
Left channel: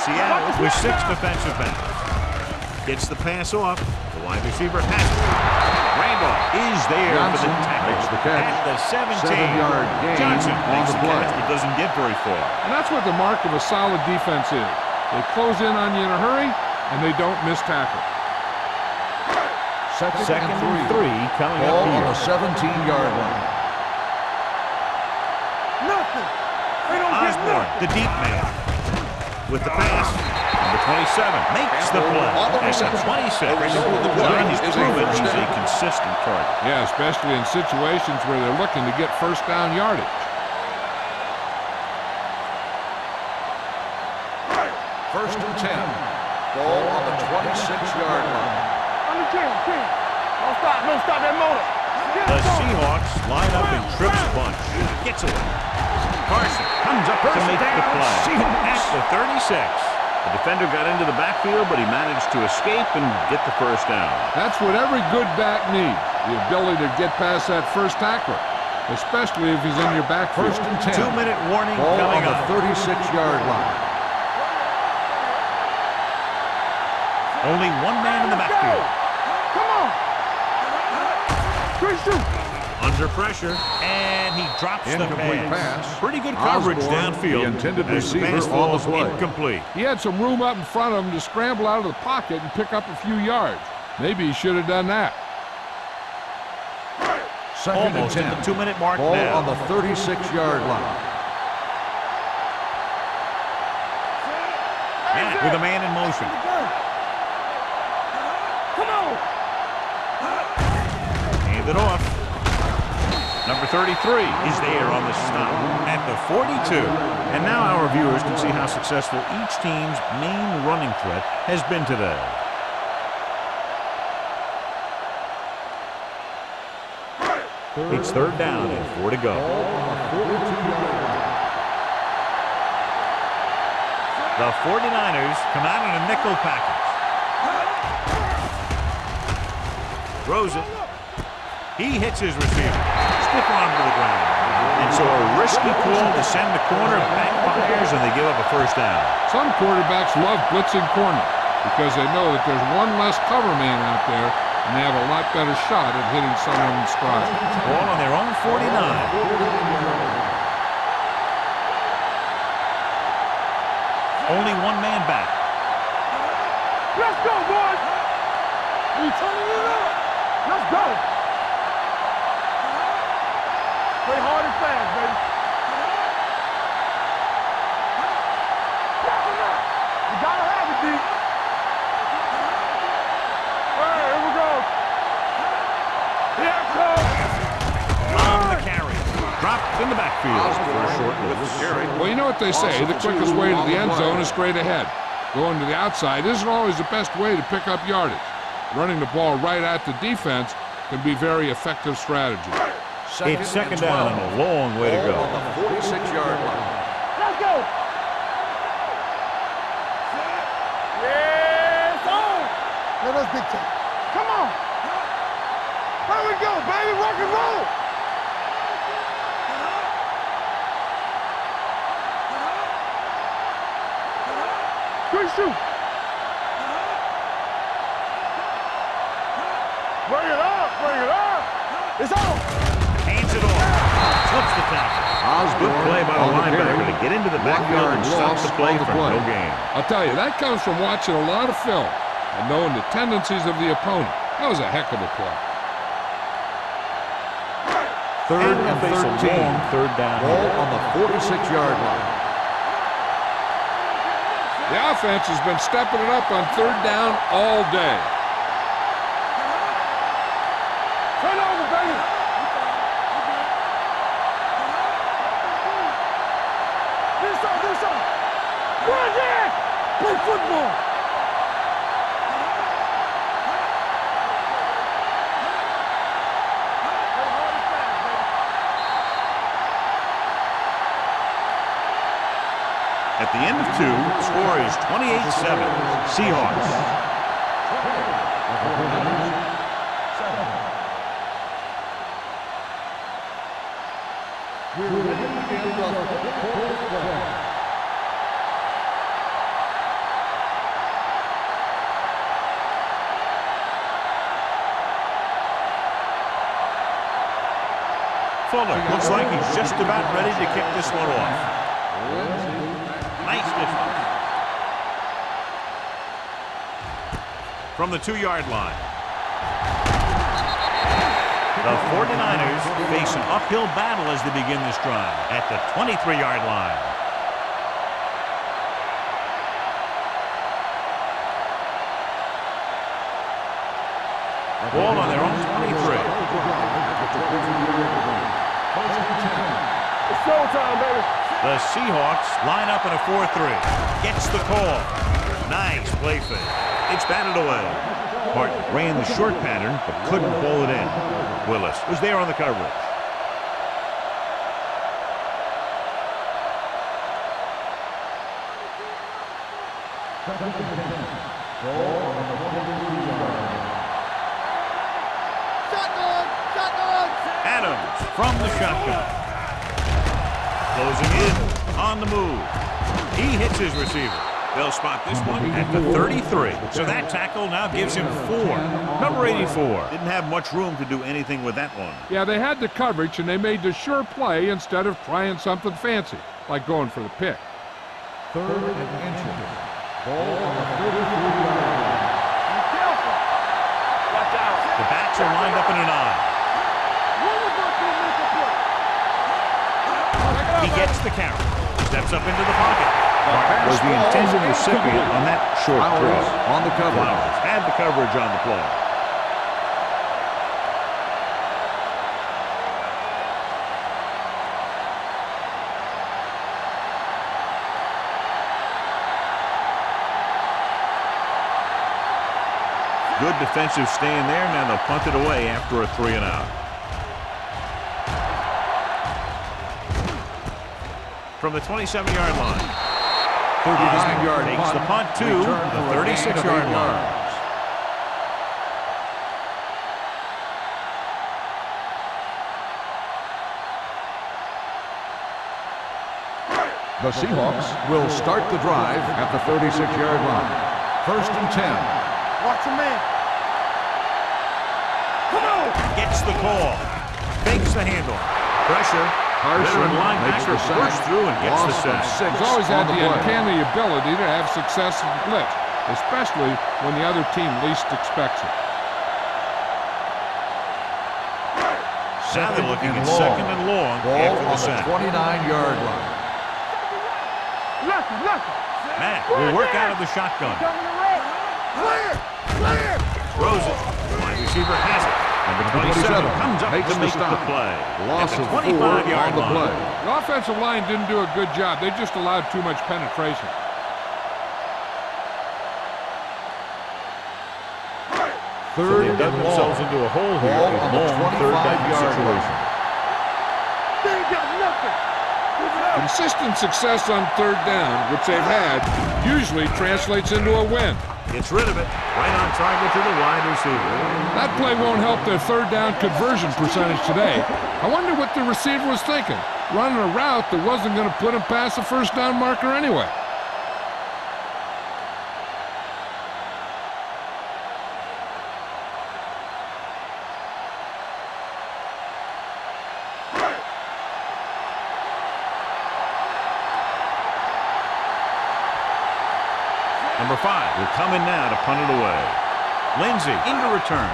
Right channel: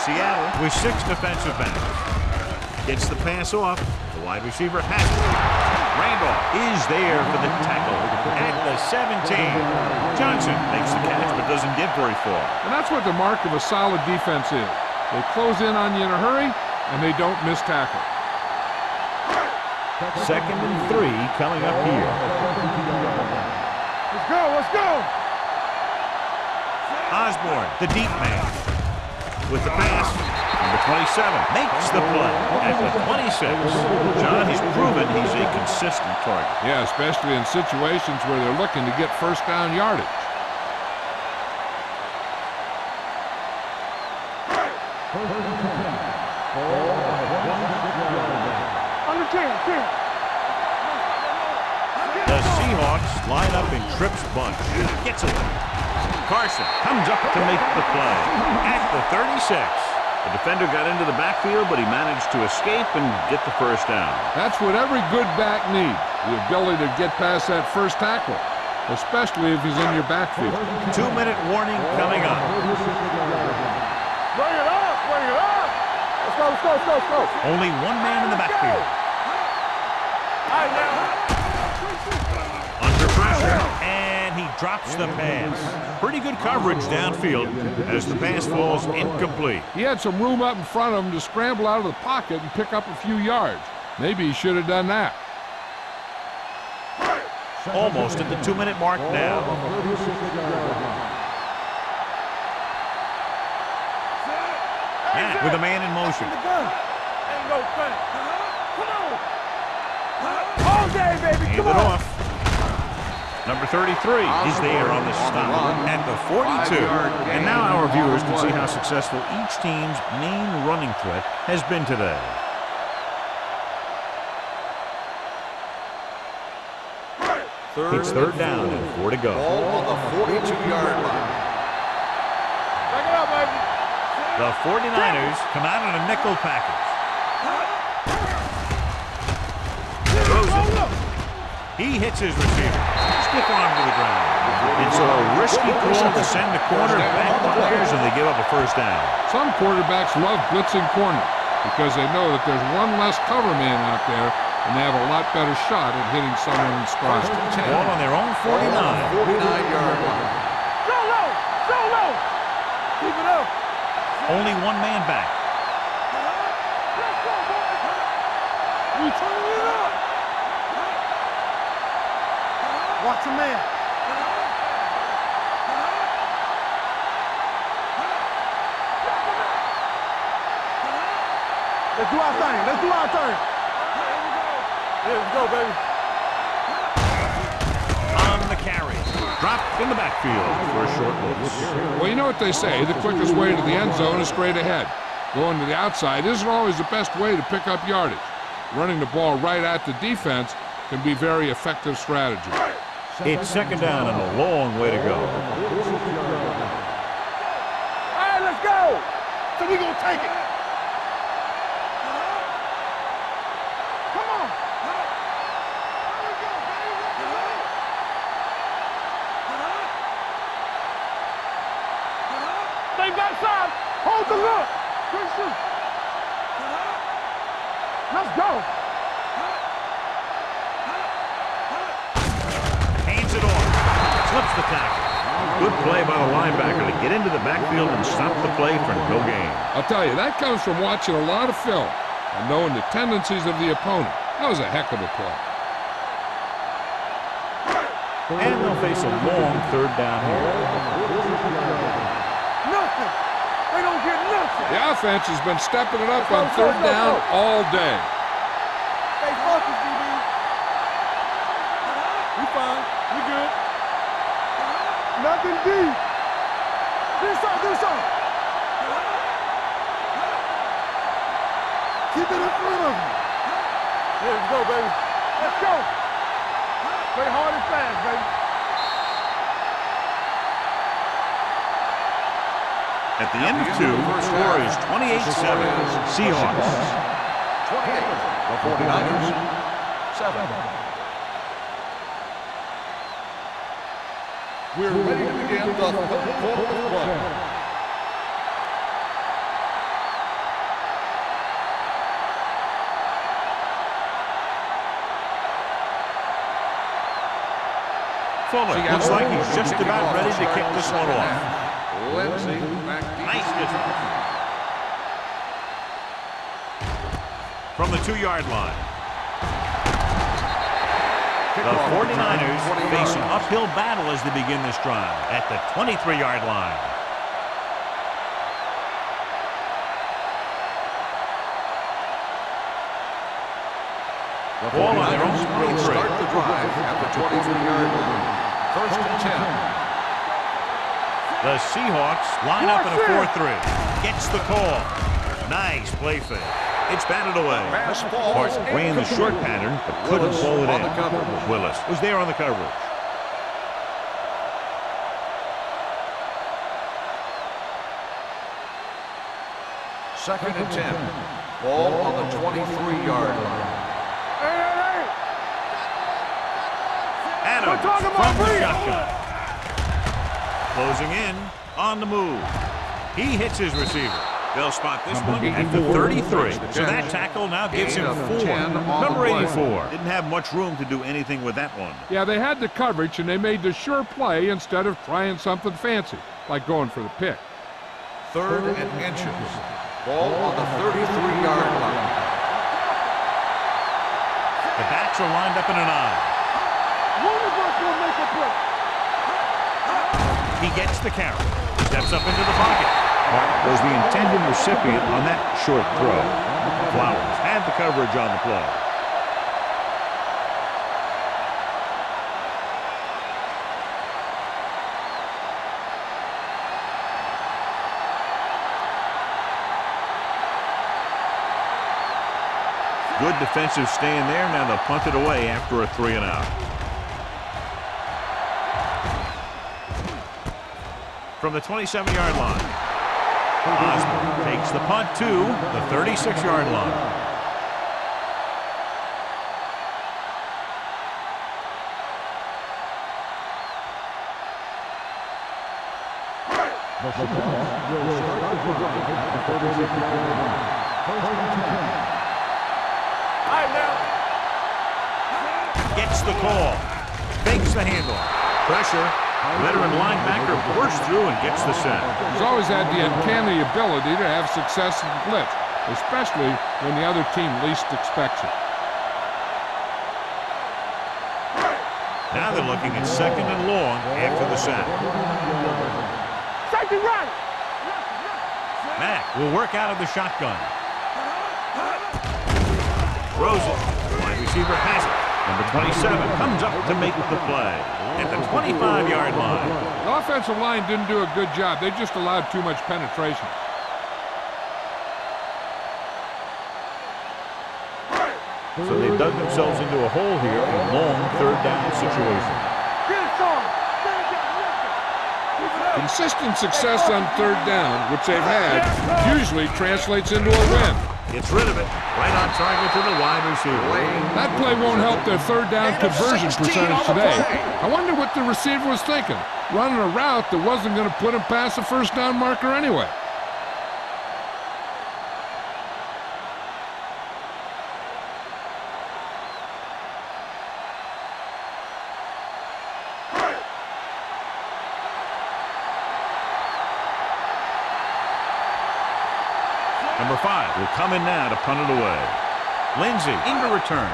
Seattle with 6 defensive backs. Gets the pass off. The wide receiver has it. Randolph is there for the tackle at the 17. Johnson makes the catch but doesn't get very far. And that's what the mark of a solid defense is. They close in on you in a hurry, and they don't miss tackle. Second and 3 coming up here. 17-yard line. Let's go. Nothing. Osborne, the deep man. With the pass, number 27 makes the play. That's a 26. John, he's proven he's a consistent target. Yeah, especially in situations where they're looking to get first down yardage. First and 10. Ball on the 26-yard line. Under 10. Don't stop that motor. The Seahawks line up in trips bunch. Gets away. Carson comes up to make the play at the 36. The defender got into the backfield, but he managed to escape and get the first down. That's what every good back needs, the ability to get past that first tackler, especially if he's in your backfield. 2-minute warning Ball coming on up. the 36-yard line. Bring it up. Let's go. Only one man in the backfield. Come on. Under pressure, and he drops the pass. Pretty good coverage downfield as the pass falls incomplete. He had some room up in front of him to scramble out of the pocket and pick up a few yards. Maybe he should have done that. Almost at the 2-minute mark Ball now. on the 36-yard line. Matt with a man in motion. Come on. Hand it off. Number 33 is there on the stop at the 42. And now our viewers can see how successful each team's main running threat has been today. It's 3rd down and 4 to go. Ball on the 42-yard line. The 49ers come out in a nickel package. Throws it. He hits his receiver. Stiff arm to the ground. And so a risky call to send the corner backfires, and they give up a first down. Some quarterbacks love blitzing corner because they know that there's one less cover man out there and they have a lot better shot at hitting someone in stride. Ball on their own 49. 49-yard line. Only one man back. Let's go, boys! We turning it up! Let's go! Watch your man. Play hard and fast, baby. Knock him out! You gotta have it, D. Let's do our thing. Let's do our thing. All right, here we go. Here we go, baby. Here we go. On the carry. Dropped in the backfield for a short loss. Well, you know what they say, the quickest way to the end zone is straight ahead. Going to the outside isn't always the best way to pick up yardage. Running the ball right at the defense can be very effective strategy. It's second down and a long way to go. 46-yard line. Let's go. All right, let's go. So we gonna take it. Yes, sir. Let us big time. Come on. Here we go, baby. Rock and roll. Stay backside. Hold the look. Good shoot. Let's go. Bring it up. Bring it up. It's on. Hands it off. Slips the tackle. Good play by the linebacker to get into the backfield and stop the play for no gain. I'll tell you, that comes from watching a lot of film and knowing the tendencies of the opponent. That was a heck of a play. And they'll face a long third down Ball here. on the 46-yard line. Nothing. They don't get nothing. The offense has been stepping it up on third down all day. Stay focused, DB. Turn over, baby. We fine. We good. Nothing deep. This on. Bring it. Play football. Keep it in front of them. There we go, baby. Let's go. Play hard and fast, baby. At the end of two, score is 28-7. Seahawks. 28. The 49ers, 7. We're ready to begin the third quarter of play. Fuller looks like he's just about ready to kick this one off. Lindsay back deep. Nice distance. From the 2-yard line. The 49ers face an uphill battle as they begin this drive at the 23-yard line. Ball on their own 23. Start the drive at the 23-yard line. First and 10. It's showtime, baby. The Seahawks line up in a 4-3. Gets the call. Nice play fake. It's batted away. Hart ran the short pattern but couldn't pull it in. Willis was there on the coverage. Second and 10. Ball on the 23-yard line. Adams from the shotgun. Closing in on the move. He hits his receiver. They'll spot this one at the 33. So that tackle now gives him 4. Number 84. Didn't have much room to do anything with that one. Yeah, they had the coverage and they made the sure play instead of trying something fancy, like going for the pick. Third and inches. Ball on the 33-yard line. The backs are lined up in an eye. One of us will make a play. He gets the carry. Steps up into the pocket. Martin was the intended recipient on that short throw. On the cover. Flowers had the coverage on the play. Good defensive stand there. Now they'll punt it away after a 3-and-out. From the 27-yard line, Osborne takes the punt to the 36-yard line. The Seahawks will start the drive at the 36-yard line. First and 10. Watch your man. All right, now. Gets the call. Fakes the handoff. Pressure. Veteran linebacker bursts through and gets the sack. He's always had the uncanny ability to have success in blitz, especially when the other team least expects it. Now they're looking at second and long after the sack. 29-yard line. Mack will work out of the shotgun. Throws it. Wide receiver has it. Number 27 comes up to make the play at the 25-yard line. The offensive line didn't do a good job. They just allowed too much penetration. So they've dug themselves into a hole here, a long third down situation. Consistent success on third down, which they've had, usually translates into a win. Gets rid of it. Right on target to the wide receiver. That play won't help their third down conversion percentage today. I wonder what the receiver was thinking, running a route that wasn't going to put him past the first down marker anyway. Number 5 will come in now to punt it away. Lindsey into return.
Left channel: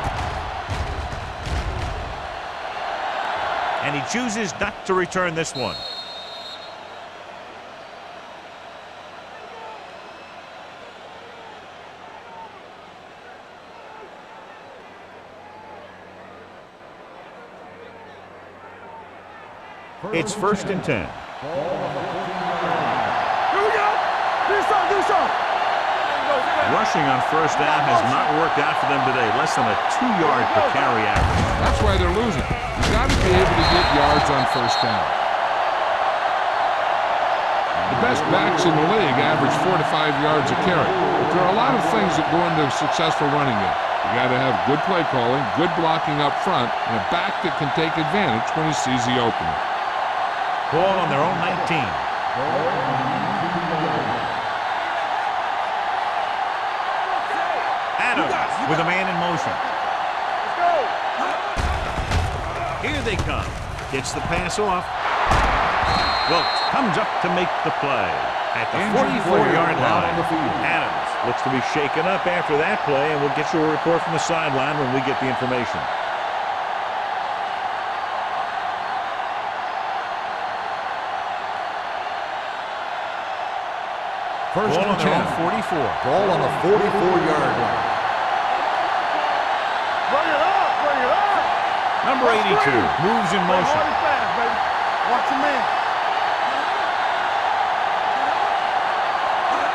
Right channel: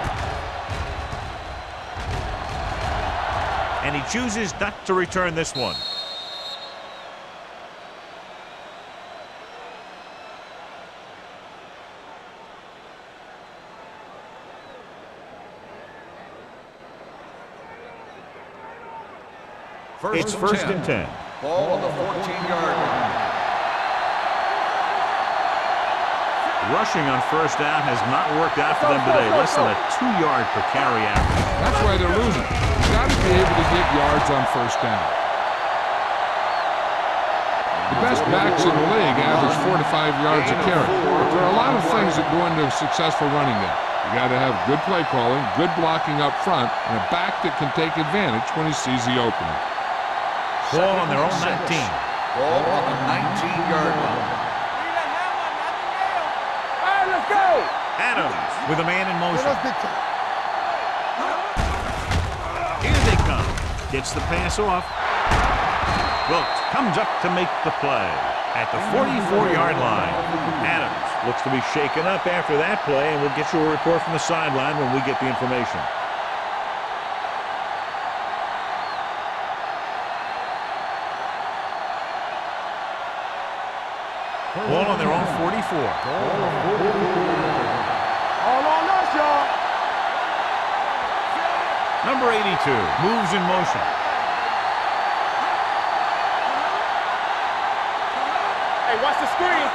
And he chooses not to return this one. It's first and 10. Ball on the 14-yard line. Rushing on first down has not worked out for them today. Less than a 2-yard per carry average. That's why they're losing. You've got to be able to get yards on first down. The best backs in the league average 4 to 5 yards a carry. But there are a lot of things that go into a successful running game. You got to have good play calling, good blocking up front, and a back that can take advantage when he sees the opening. Ball on their own 19. Ball on the 19-yard line. Adams with a man in motion. Here they come. Gets the pass off. Wilkes comes up to make the play at the 44-yard line. Adams looks to be shaken up after that play, and we'll get you a report from the sideline when we get the information. Ball on their own 44. Ball on the 44-yard line. All on us, y'all. Run it up. Number 82 moves in motion. Fast, baby. Watch your man. Hey, watch the screen.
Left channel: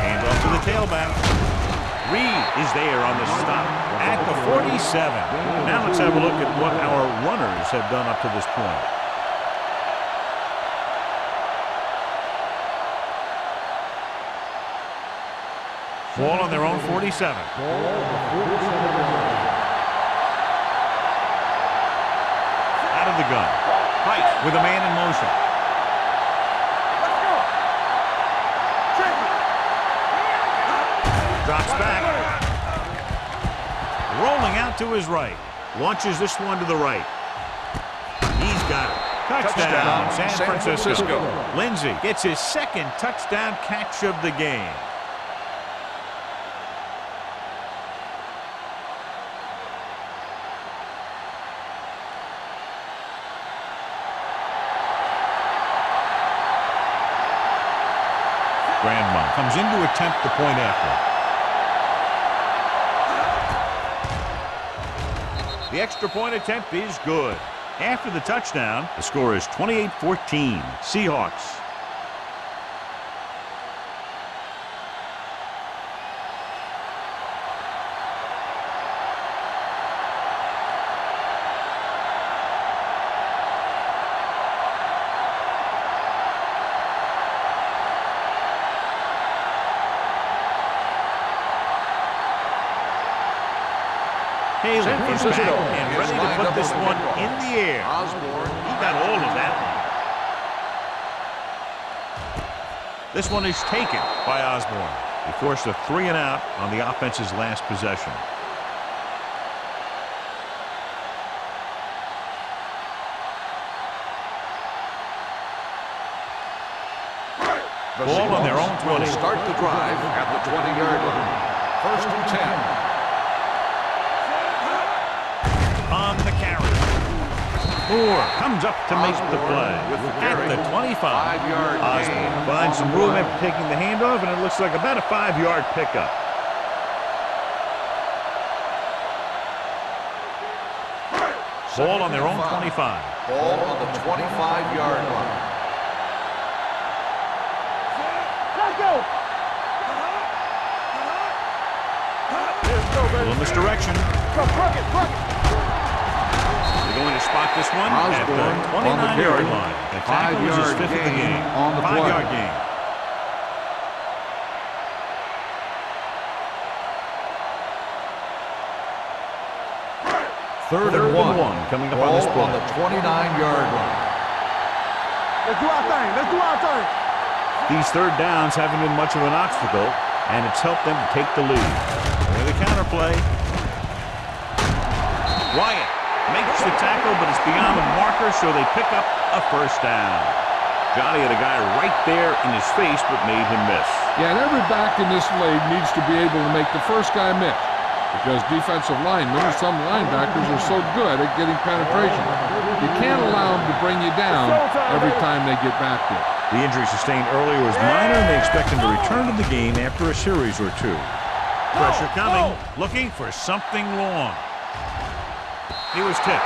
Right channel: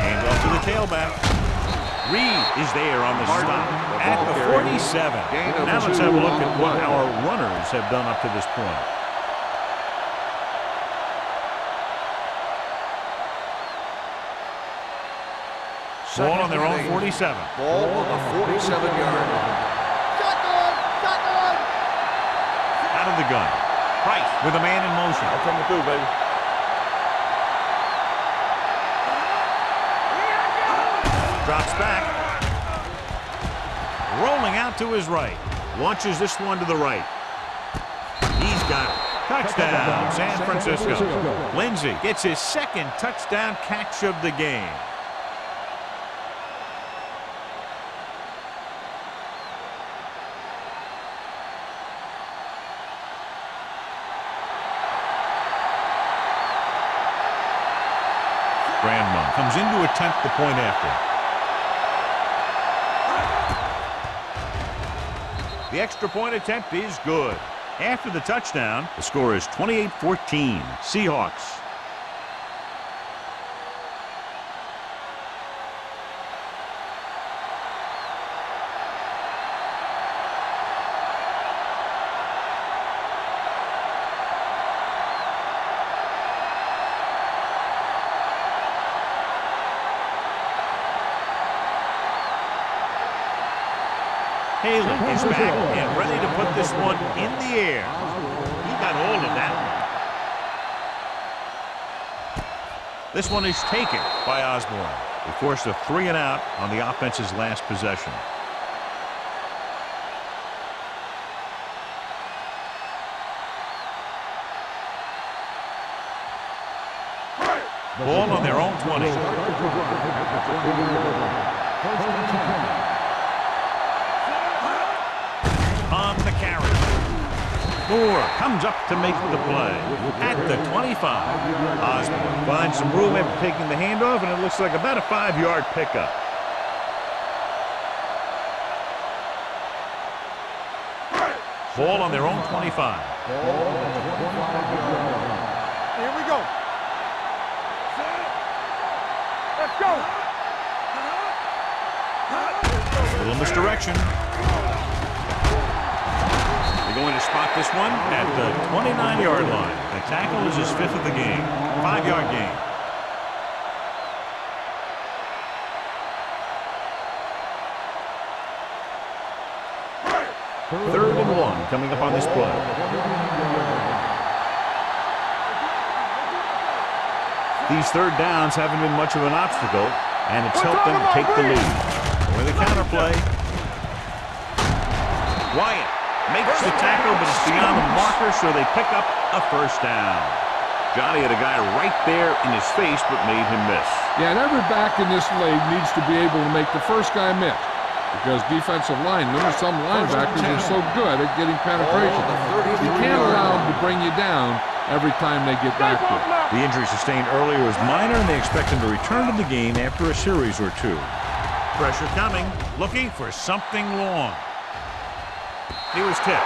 Hand off to the tailback. Reed is there on the stop at the 47. Now let's have a look at what our runners have done up to this point. Ball on their own 47. Ball on the 47-yard line. Out of the gun. Price with a man in motion. Drops back. Rolling out to his right. Launches this one to the right. He's got it. Touchdown, San Francisco. Lindsey gets his second touchdown catch of the game. Grandma comes in to attempt the point after. The extra point attempt is good. After the touchdown, the score is 28-14. Seahawks. Halen is back and ready to put this one in the air. He got all of that one. This one is taken by Osborne. He forced a 3-and-out on the offense's last possession. The Ball on their own Seahawks 20. will start the drive at the 20-yard line. First and 10. On the carry. Moore comes up to make the play at the 25. Osborne finds some room after taking the handoff, and it looks like about a 5-yard pickup. Ball on their own 25. Ball on the 25-yard line. Here we go. Let's go. Let's go. A little misdirection. They're going to spot this one at the 29-yard line. The tackle is his 5th of the game. 5-yard gain. Third and one coming up on this play. On the 29-yard line. Let's do our thing. Let's do our thing. These third downs haven't been much of an obstacle, and it's helped them take the lead. With a counterplay, Wyatt makes the tackle, but it's beyond the marker, so they pick up a first down. Johnny had a guy right there in his face, but made him miss. Yeah, and every back in this league needs to be able to make the first guy miss, because defensive linemen and some linebackers are so good at getting penetration. You can't allow them to bring you down every time they get back there. The injury sustained earlier was minor, and they expect him to return to the game after a series or two. Pressure coming, looking for something long. He was tipped.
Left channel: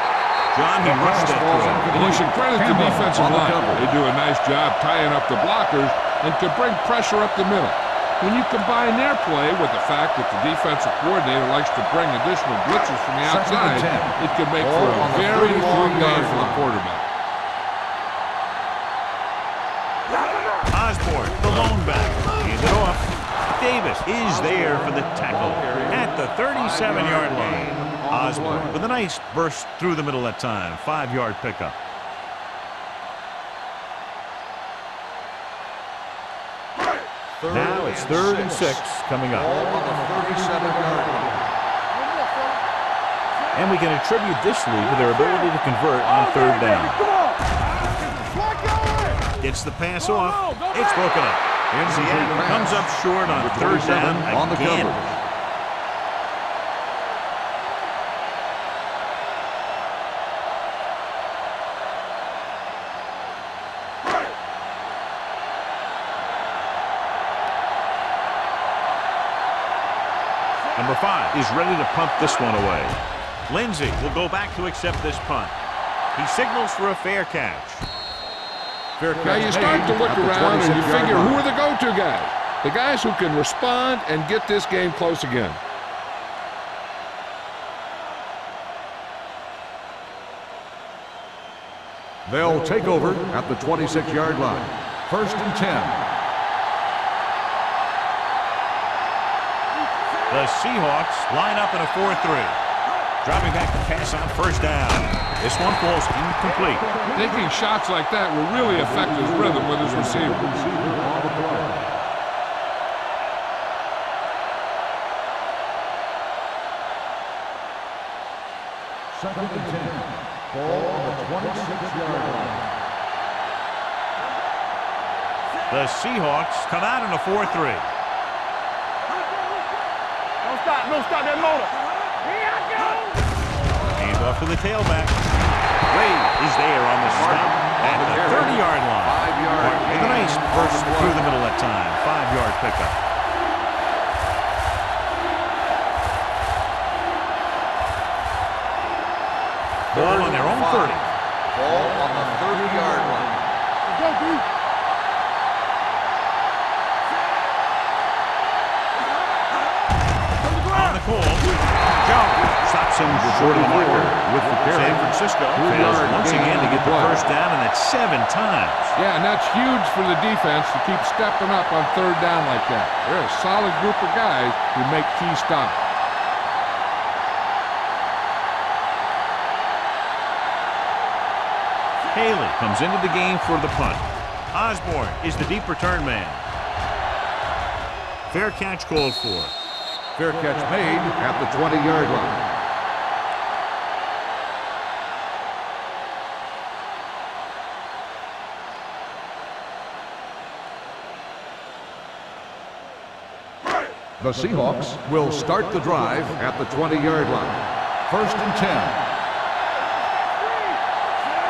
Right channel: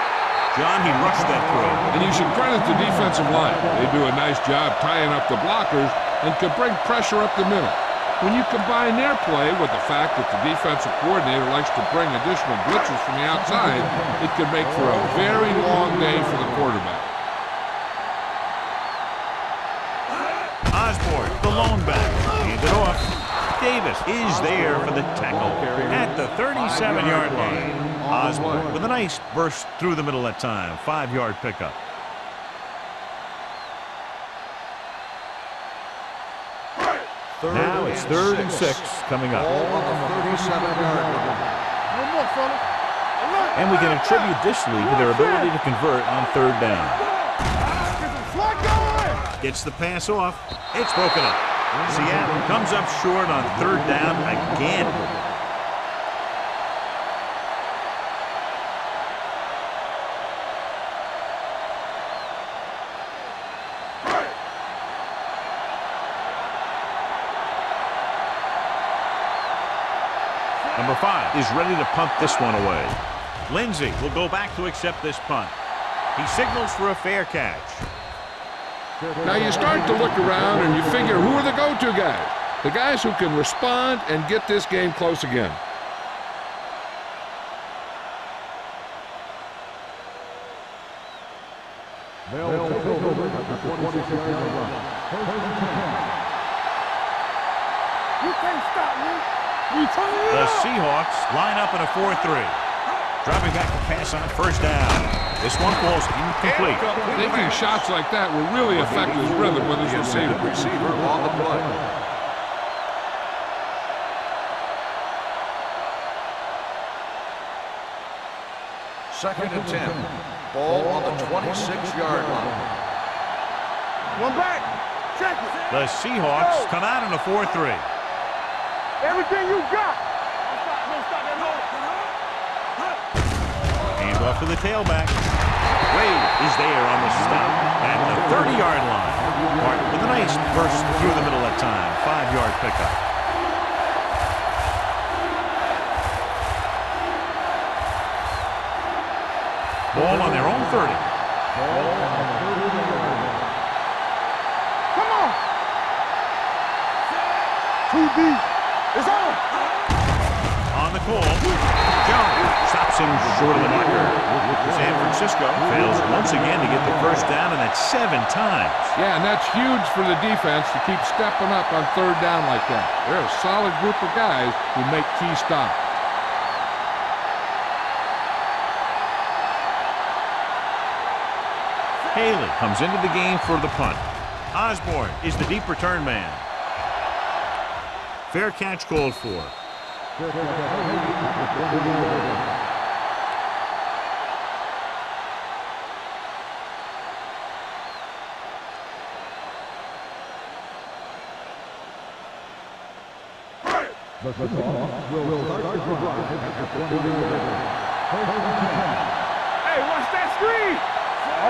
John, he rushed that throw. And you should credit the defensive line. They do a nice job tying up the blockers and can bring pressure up the middle. When you combine their play with the fact that the defensive coordinator likes to bring additional blitzes from the outside, it can make for a very long day for the quarterback. Osborne, the lone back, handed off. Davis is there for the tackle at the 37-yard line. Osborne with a nice burst through the middle that time. 5-yard pickup. Now it's 3rd and 6 coming up. Ball on the 37-yard line. No more, fella. And we can attribute this lead to their ability to convert on 3rd down. Slide going. Gets the pass off. It's broken up. Seattle comes up short on 3rd down again. Number 5 is ready to punt this one away. Lindsey will go back to accept this punt. He signals for a fair catch. Now you start to look around and you figure, who are the go-to guys? The guys who can respond and get this game close again. They'll take over at the 26-yard line. First and 10. You can't stop me. The Seahawks line up in a 4-3. Dropping back to pass on 1st down. This one falls incomplete. Taking shots like that will really affect his rhythm with his receiver. Second and 10. Ball on the 26-yard line. One back. Check. The Seahawks come out in a 4-3. Everything you got. Don't stop. Don't stop that motor. Hand off to the tailback. Wade is there on the stop at the 30-yard line. Martin with a nice burst through the middle that time. 5-yard pickup. Ball on their own 30. Ball on the 30-yard line. Go, D. Come on. 2B. On the call, Jones stops him short of the marker. San Francisco fails once again to get the first down, and that's 7 times. Yeah, and that's huge for the defense to keep stepping up on 3rd down like that. They're a solid group of guys who make key stops. Haley comes into the game for the punt. Osborne is the deep return man. Fair catch called for. Fair catch made at the 20-yard line. The Seahawks will start the drive at the 20-yard line. First and 10.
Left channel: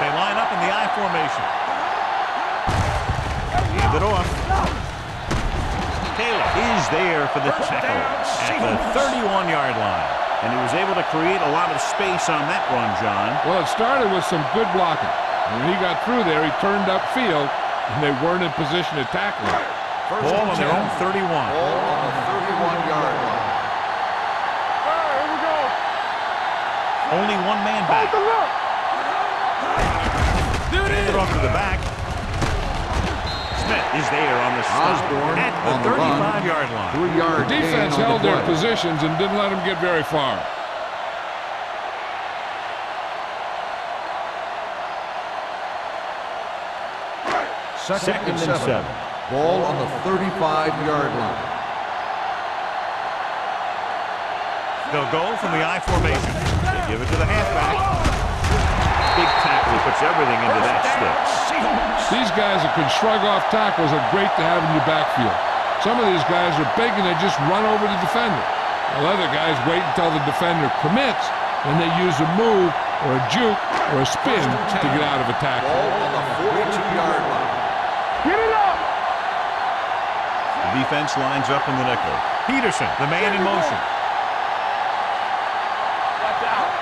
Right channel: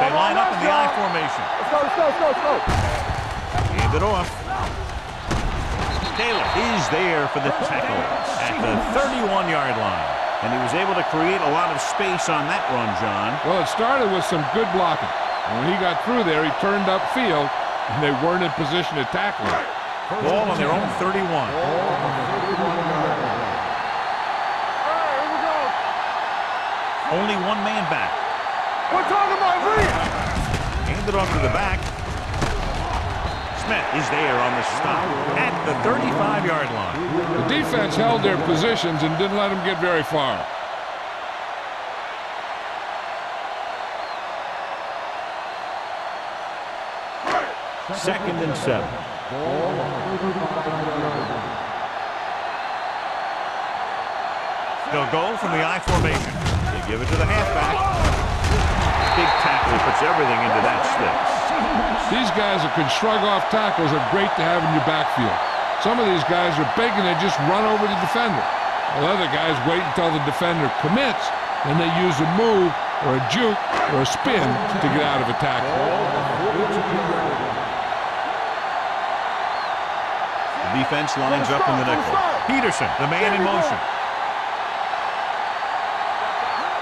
They line up in the I formation. Hand it off. Taylor is there for the tackle at the 31-yard line. And he was able to create a lot of space on that run, John. Well, it started with some good blocking. And when he got through there, he turned upfield, and they weren't in position to tackle him. Ball on their own 31. Ball on the 31-yard line. Here we go. Only one man back. We're talking about me. Hand it off to the back. Smith is there on the stop at the 35-yard line. The defense held their positions and didn't let them get very far. Second and 7. Ball on the 35-yard line. They'll go from the I formation. They give it to the halfback. Big tackle. He puts everything into that stick. These guys that can shrug off tackles are great to have in your backfield. Some of these guys are big and they just run over the defender. While other guys wait until the defender commits, then they use a move or a juke or a spin to get out of a tackle. Ball on the 42-yard line. Get it up. The defense lines up in the nickel. Peterson, the man in motion. Watch out.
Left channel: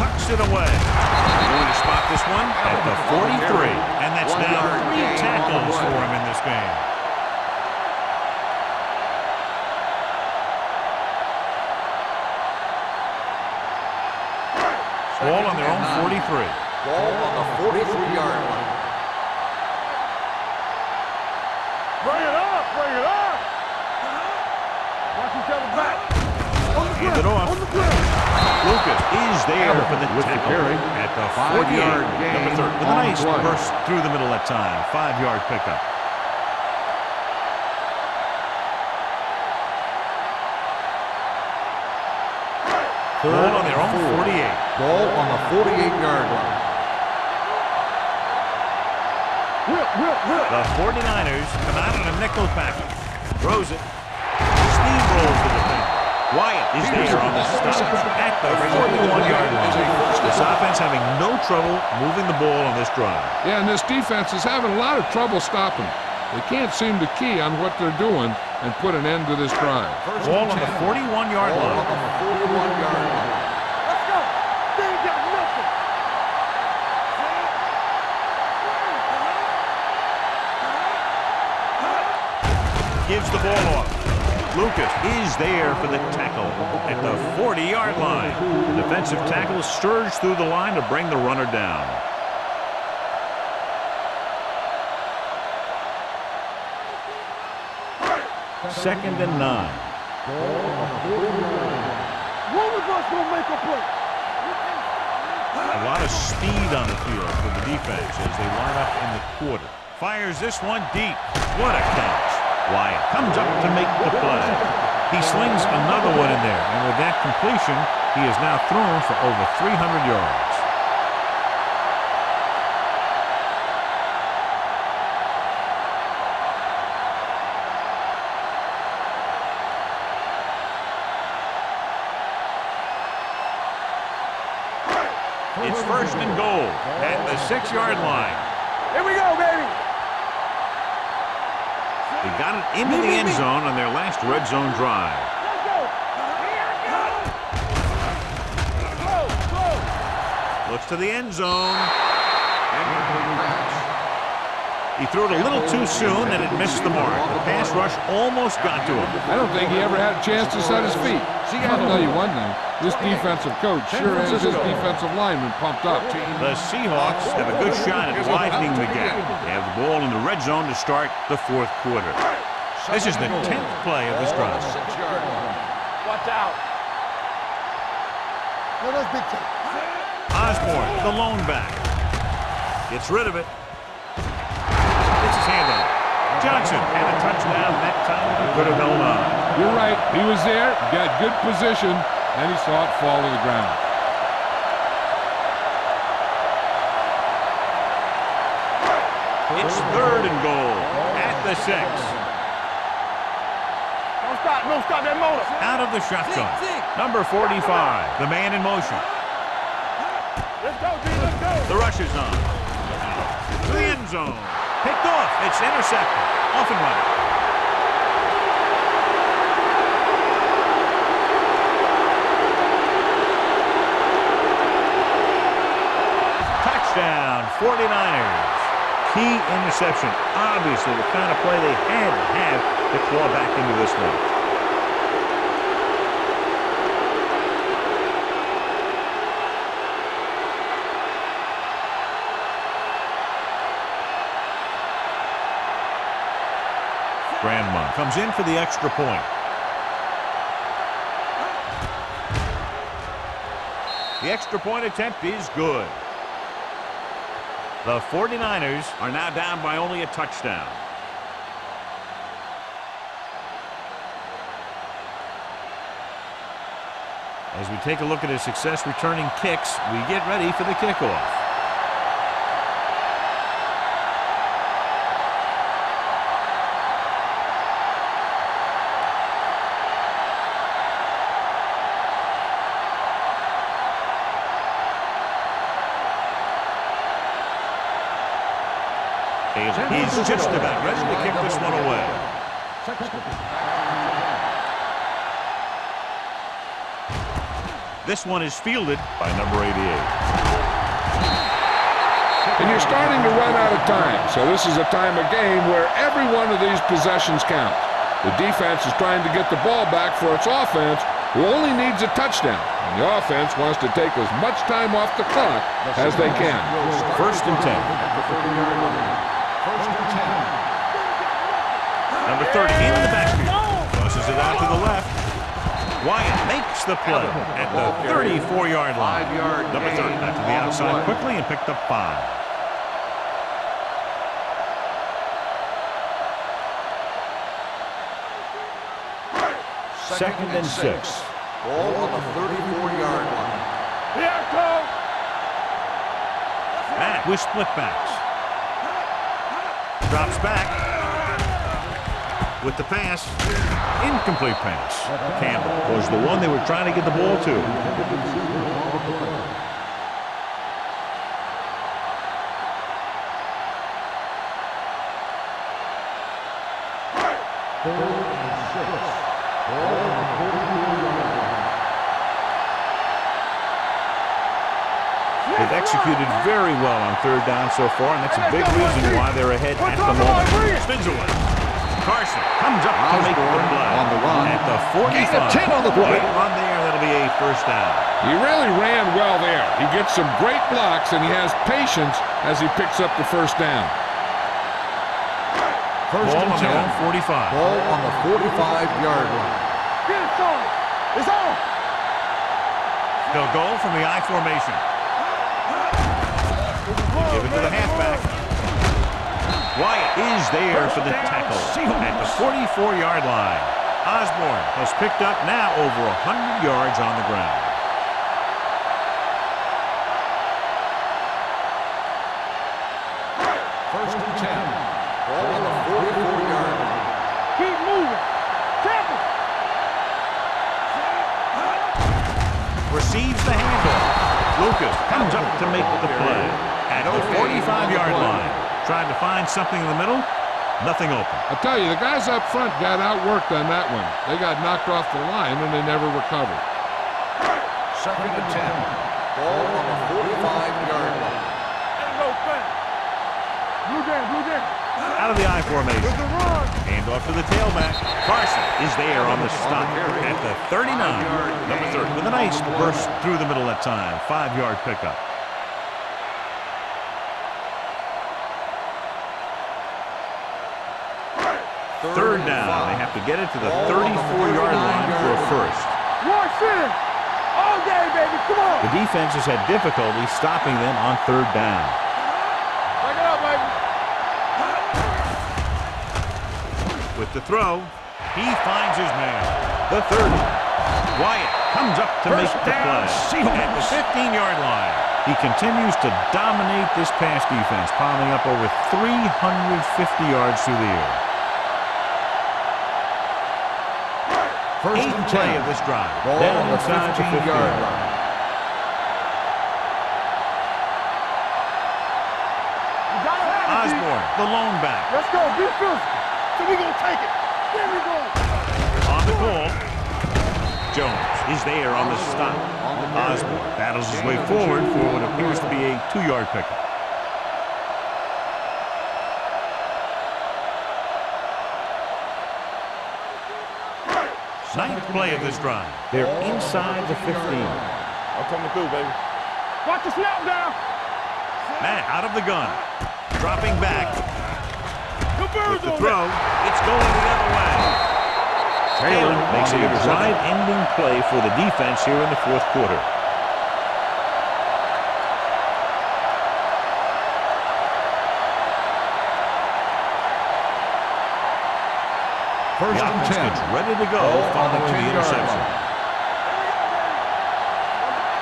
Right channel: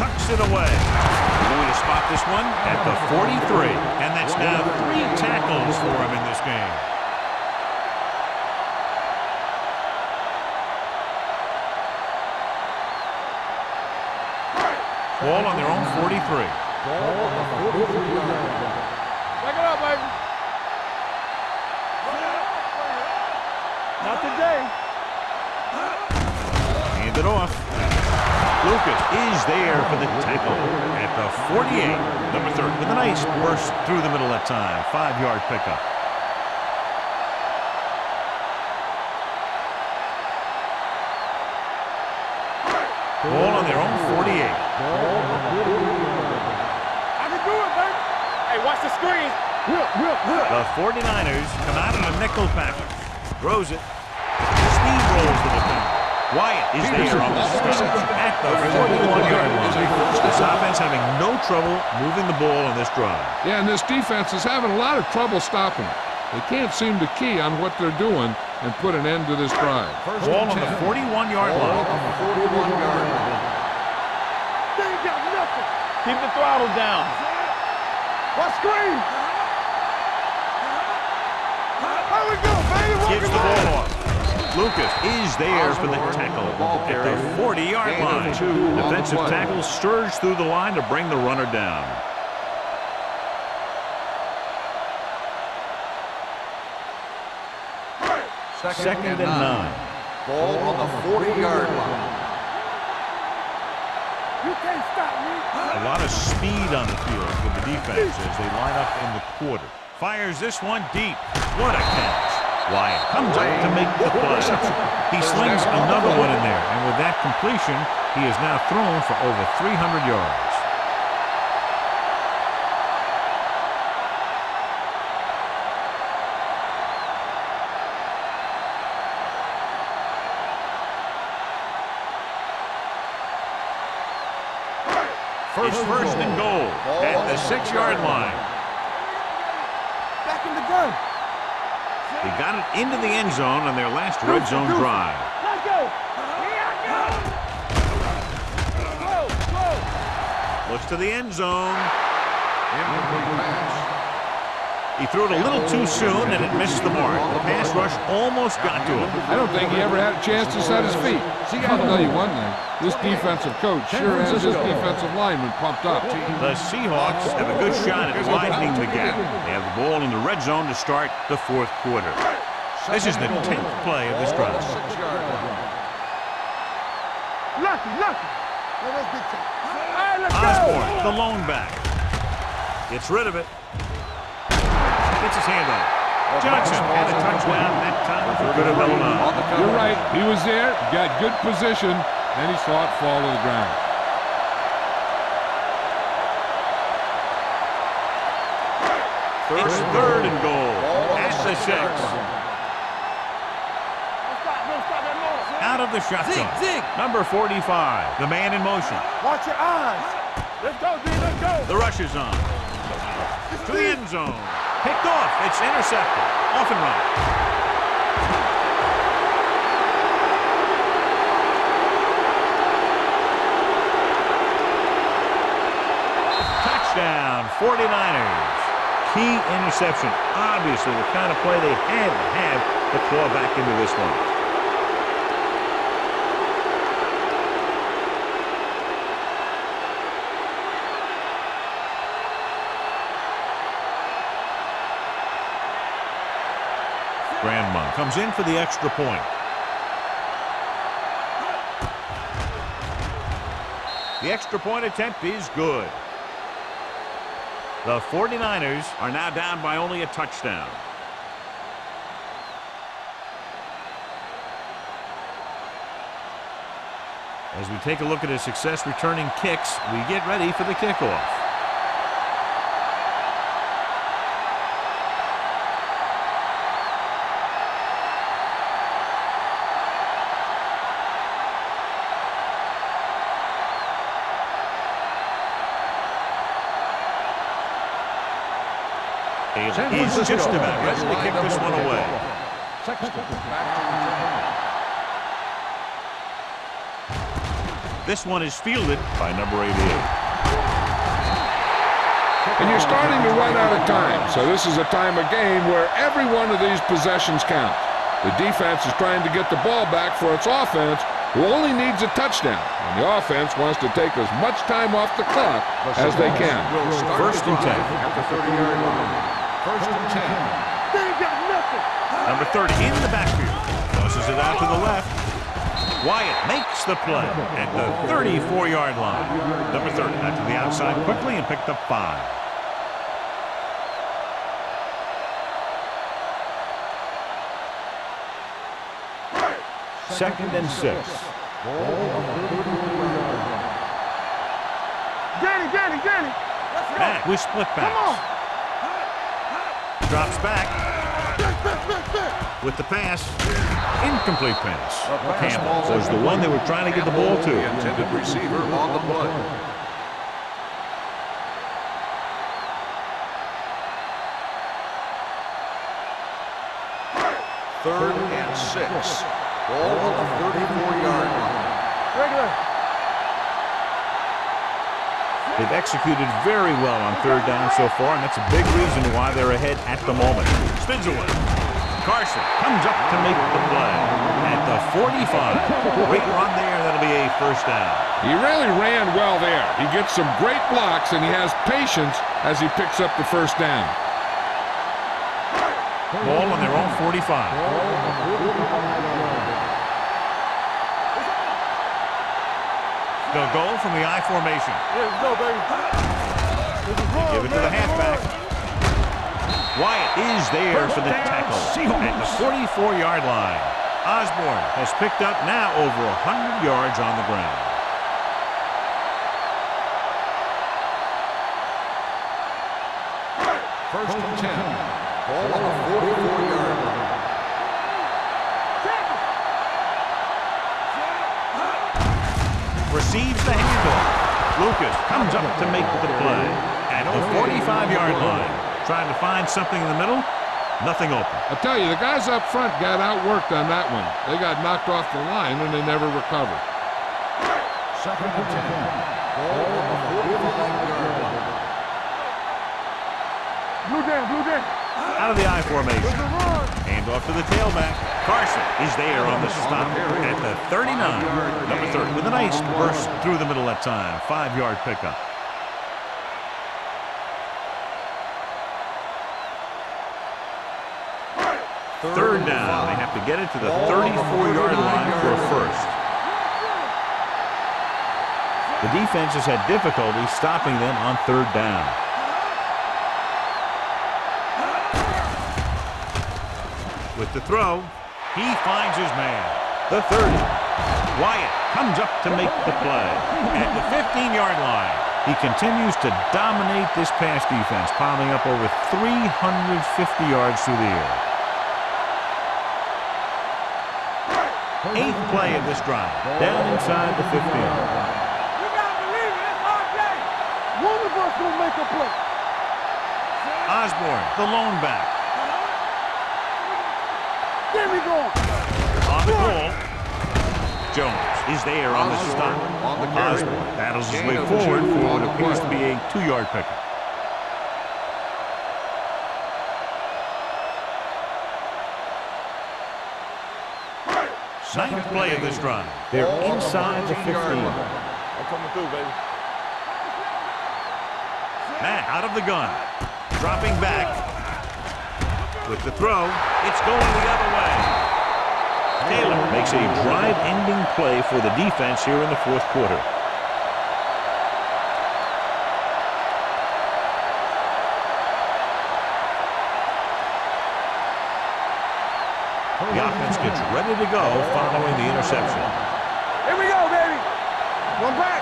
Tucks it away. They're going to spot this one at the 43. And that's now 3 tackles for him in this game. Ball on their own 43. Ball on the 43-yard line. Bring it up, baby. Bring it up. Bring it up. Not today. Watch each other back. Hand it off. Lucas is there for the tackle at the 48. Number 30 with a nice burst through the middle that time. 5-yard pickup. Ball on their own 48. Ball on the 48-yard line. I can do it, baby. Hey, watch the screen. Will. The 49ers come out in a nickel package. Throws it. Steamrolls the defender. Wyatt is there on the stop at the 41-yard line. This offense having no trouble moving the ball on this drive. Yeah, and this defense is having a lot of trouble stopping it. They can't seem to key on what they're doing and put an end to this drive. Ball on the 41-yard Ball line. on the 41-yard line. They ain't got nothing. Keep the throttle down. Watch screen. Gives the ball off. Lucas is there for the tackle at the 40-yard line. Defensive tackle surge through the line to bring the runner down. Second and 9. Ball on the 40-yard line. One of us will make a play. You can't stop me. A lot of speed on the field for the defense as they line up in the quarter. Fires this one deep. What a catch. Wyatt comes up to make the play. He slings another one in there, and with that completion, he has now thrown for over 300 yards. It's first and goal at the 6-yard line. Here we go, baby. Back in the gun. They got it into the end zone on their last red zone drive. Let's go. Here I go. Go. Looks to the end zone. Incomplete pass. He threw it a little too soon and it missed the mark. The pass rush almost got to him. I don't think he ever had a chance to set his feet. I'll tell you one thing. This defensive coach sure has his defensive lineman pumped up. The Seahawks have a good shot at widening the gap. They have the ball in the red zone to start the 4th quarter. This is the 10th play of this Ball on drive. the 6-yard line. Watch out. Lucky. No, that's big time. Hey, let's Osborne, go. the lone back. Gets rid of it. Gets his hand on it. Johnson had a touchdown that time. He could have held on. You're right. He was there, got good position, then he saw it fall to the ground. It's 3rd and goal at the 6. Don't stop No, stop that motor. Out of the shotgun. Number 45, the man in motion. Watch your eyes. Let's go, G. Let's go. The rush is on. To the end zone. Picked off. It's intercepted. Off and running. Touchdown, 49ers. Key interception. Obviously the kind of play they had to have to claw back into this one. Grandma comes in for the extra point. The extra point attempt is good. The 49ers are now down by only a touchdown. As we take a look at his success returning kicks, we get ready for the kickoff. He's just about ready to kick this one away. This one is fielded by number 88. And you're starting to run out of time, so this is a time of game where every one of these possessions counts. The defense is trying to get the ball back for its offense, who only needs a touchdown, and the offense wants to take as much time off the clock as they can. First and 10. At the 30-yard line. First and 10. They ain't got nothing. Number 30 in the backfield. Tosses it out to the left. Wyatt makes the play at the 34-yard line. Number 30 out to the outside quickly and picked up 5. Second and 6. Ball on the 34-yard line. Here it comes. Danny. Let's go. Back with split backs. Drops back with the pass. Incomplete pass. Campbell was the one they were trying to get the ball to. Intended receiver on the play. Third and 6. Ball on the 34-yard line. They've executed very well on third down so far, and that's a big reason why they're ahead at the moment. Spins away. Carson comes up to make the play at the 45. Great run there. That'll be a first down. He really ran well there. He gets some great blocks, and he has patience as he picks up the first down. Ball on their own 45. Ball on the 45-yard line. It's on. They'll go from the I formation. Let's go, baby. They give it to the halfback. Wyatt is there for the tackle at the 44-yard line. Osborne has picked up now over 100 yards on the ground. First and 10. Ball on the 44-yard line. Keep moving. Tackle. Receives the handoff. Lucas comes up to make the play at the 45-yard line. Trying to find something in the middle. Nothing open. I tell you, the guys up front got outworked on that one. They got knocked off the line, and they never recovered. Second and 10. Ball on the 45-yard line. Blue down. Out of the I formation. Hand off to the tailback. Carson is there on the stop at the 39. Number 30 with a nice burst through the middle that time. 5-yard pickup. Third down. They have to get it to the 34-yard line for a first. The defense has had difficulty stopping them on third down. With the throw, he finds his man. The 30. Wyatt comes up to make the play at the 15-yard line. He continues to dominate this pass defense, piling up over 350 yards through the air. Eighth play of this drive. Down inside the 15. Osborne, the lone back. Let's go. Be physical. So we gonna take it. There we go. On the goal. Jones is there on the stop. Osborne battles his way forward for what appears to be a 2-yard pickup. Ninth play of this drive. They're inside the 15. I'm coming through, baby. Watch the snap down. Mack out of the gun. Dropping back. With the throw, it's going the other way. Taylor makes a drive-ending play for the defense here in the fourth quarter. The offense gets ready to go following the interception. Here we go, baby. One back.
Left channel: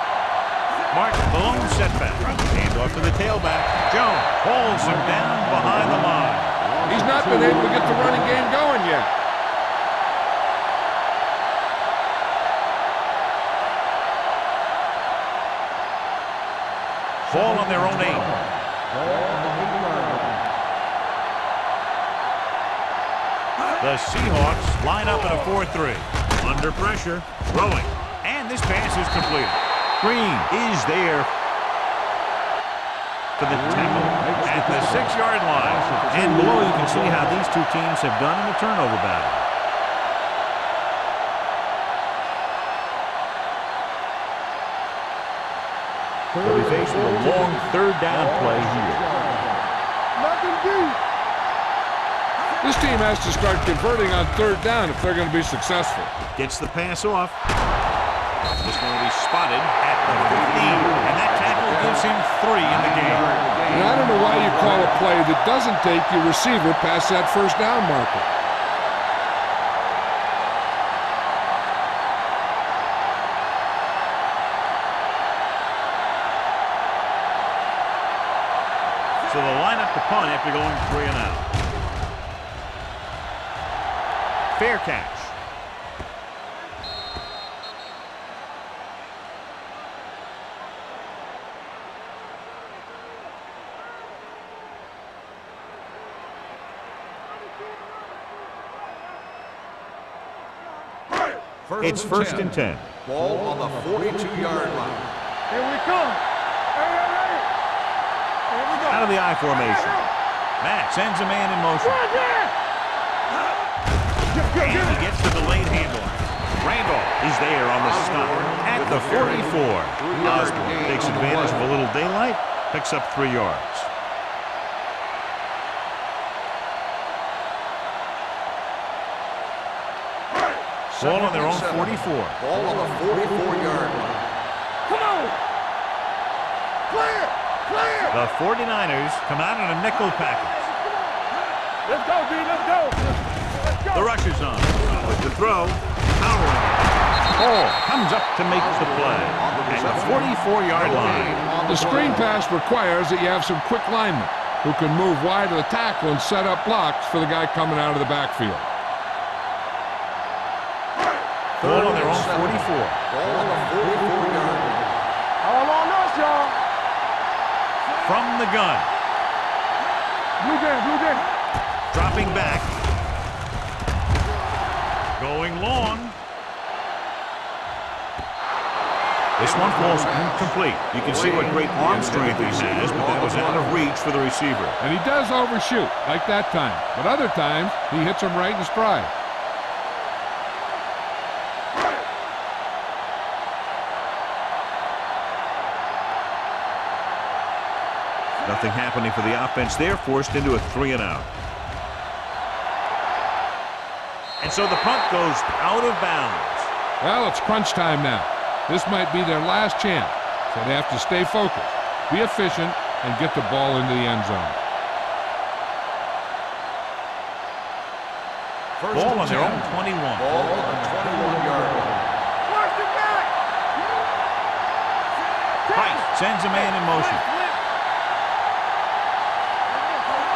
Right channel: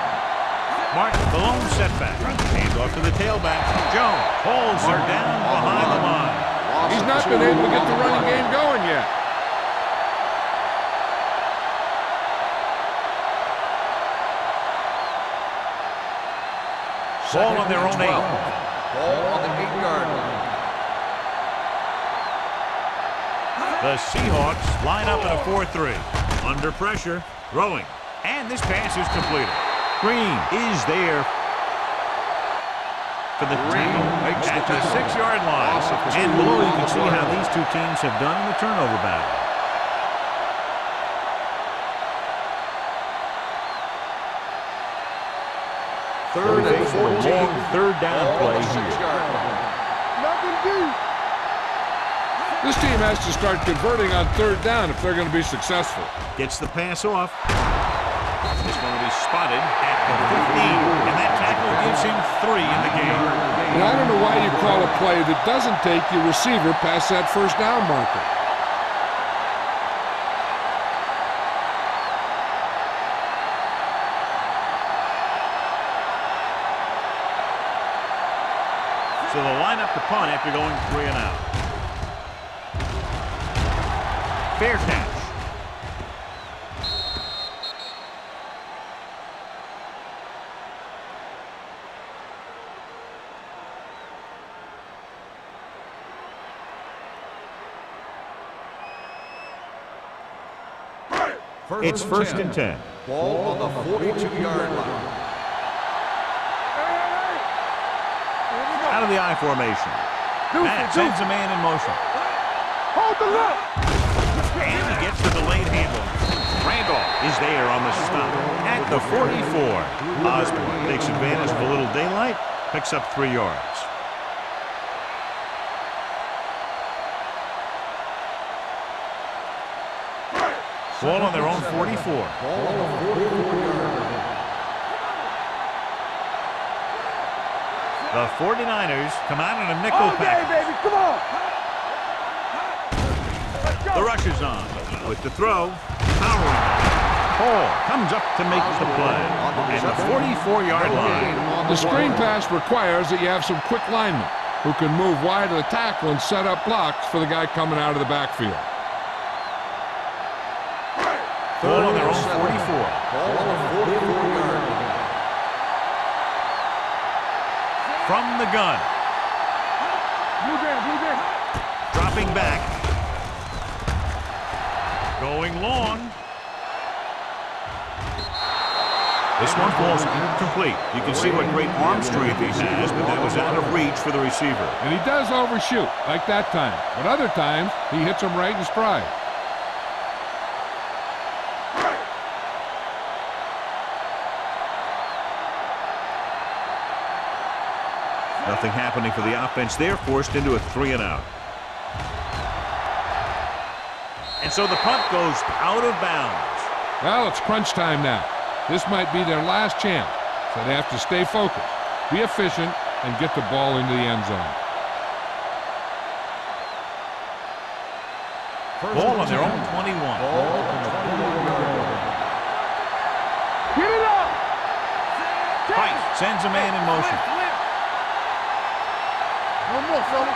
Martin, the lone setback. Hand off to the tailback. Jones holds him down behind the line. He's not been able to get the running game going yet. Ball on their own 8. The Seahawks line up in a 4-3. Under pressure, throwing. And this pass is completed. Green is there for the tackle at the 6-yard line. And below you can see how these two teams have done in the turnover battle. They'll be faced with a long 3rd down play here. Nothing deep. This team has to start converting on 3rd down if they're going to be successful. Gets the pass off. This one will be spotted at the 15. And that tackle gives him 3 in the game. And I don't know why you call a play that doesn't take your receiver past that 1st down marker. So they'll line up the punt after going 3 and out. Fair catch. It's 1st and 10. Ball on the 42-yard line. Here we come. Hey. Here we go. Out of the I formation. Matt sends a man in motion. Hold the left. And he gets the delayed handoff. Randolph is there on the stop at the 44. Osborne takes advantage of a little daylight, picks up 3 yards. Ball on their own 44. Ball on the 44-yard line. Come on. Play it. The 49ers come out in a nickel package. Come on. Let's go, D. Let's go. The rush is on with the throw, powering it. Hall comes up to make the play at the 44-yard line. The screen pass requires that you have some quick linemen who can move wide of the tackle and set up blocks for the guy coming out of the backfield. Ball on their own 44. Ball on the 44-yard line. All on us, y'all. From the gun. Blue game. Dropping back. Going long. This one falls incomplete. You can see what great arm strength he has, but that was out of reach for the receiver. And he does overshoot, like that time. But other times, he hits him right in stride. Nothing happening for the offense there, forced into a 3 and out. And so the punt goes out of bounds. Well, it's crunch time now. This might be their last chance, so they have to stay focused, be efficient, and get the ball into the end zone. Ball on their own 21. Ball on the 21-yard line. Watch it back. Get it up. Price sends a man in motion. No more, fella.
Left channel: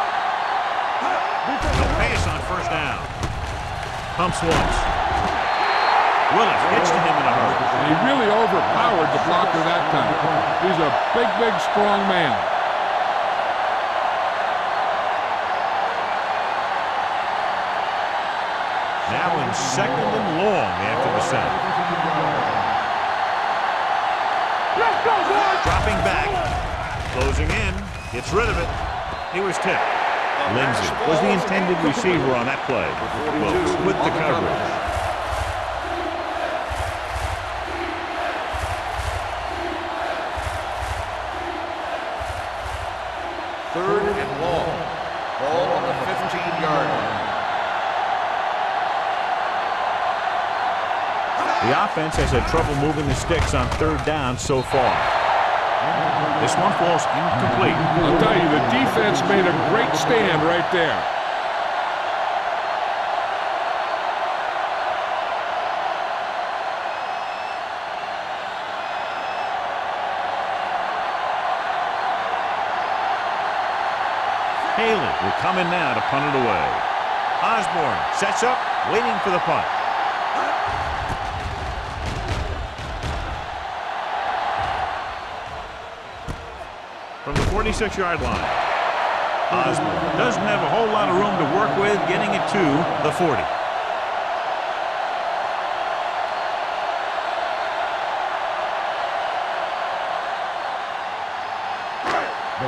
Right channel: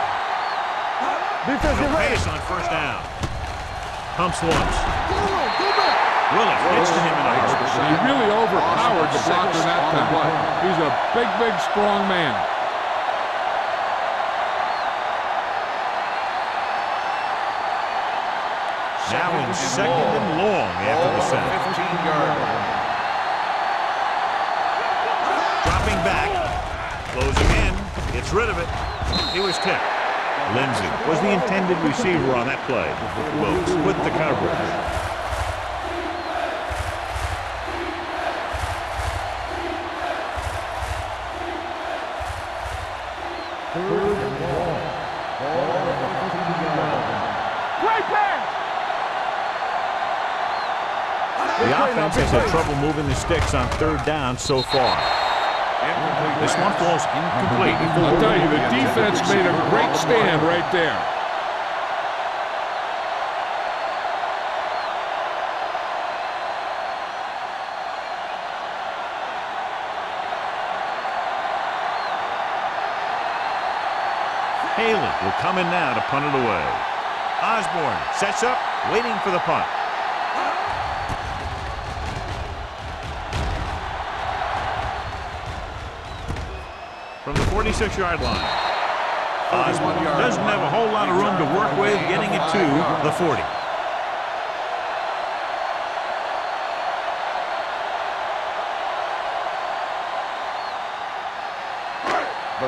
No pass on 1st down. Pumps once. Willis gets to him in a hurry. He really overpowered the blocker that time. He's a big, big, strong man. Now in second and long after the sack. Dropping back, closing in, gets rid of it. He was tipped. Lindsey was the intended receiver on that play. Wilkes with the coverage. Third and long. Ball on the 15-yard line. The offense has had trouble moving the sticks on third down so far. This one falls incomplete. I'll tell you, the defense made a great stand right there. Haley will come in now to punt it away. Osborne sets up, waiting for the punt. From the 46-yard line. Osborne doesn't have a whole lot of room to work with, getting it to the 40.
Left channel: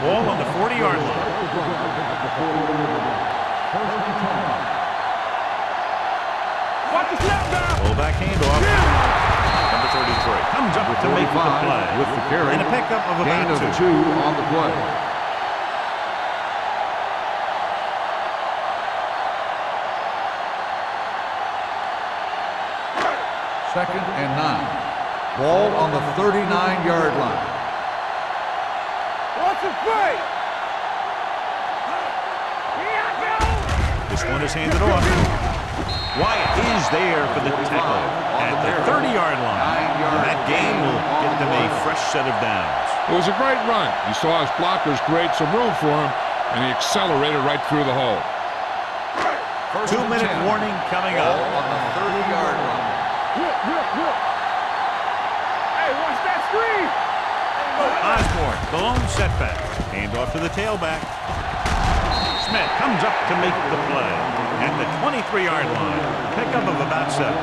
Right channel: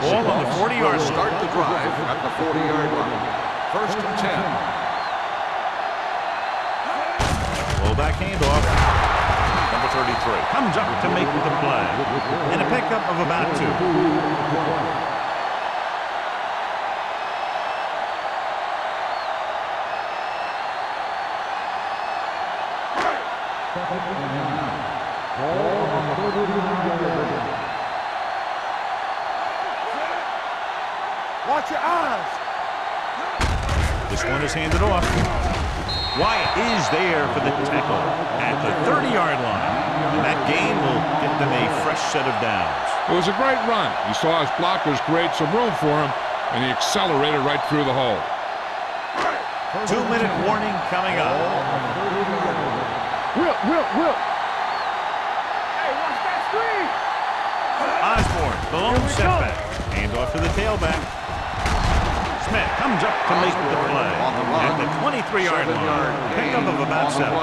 Ball on the 40-yard line. Start the drive at the 40-yard line. First and 10. Fullback handoff. Number 33 comes up to make the play. With the carry. And a pickup of about Gain of 2. 2 on the play. Second and 9. Ball on the 39-yard line. Watch your eyes. This one is handed off. Wyatt is there for the tackle at the 30-yard line. And that gain will get them a fresh set of downs. It was a great run. He saw his blockers create some room for him, and he accelerated right through the hole. 2-minute warning coming up. On the 30-yard line. Will. Hey, watch that screen. Osborne, the lone setback. Handoff to the tailback. Smith comes up to make the play at the 23-yard line. Pickup of about 7.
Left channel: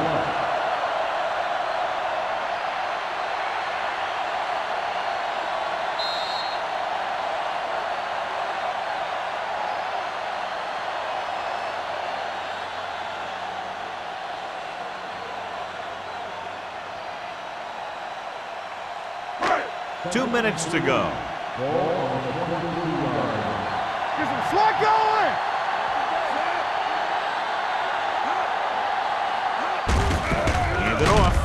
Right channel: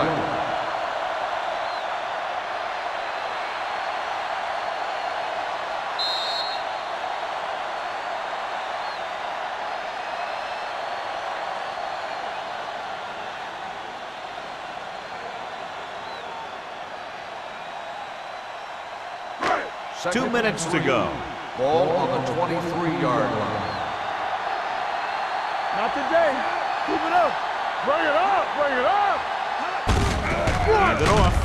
Two minutes to go. Ball on the 23-yard line. Slot going. Not today. Keep it up. Bring it up. Hand it off.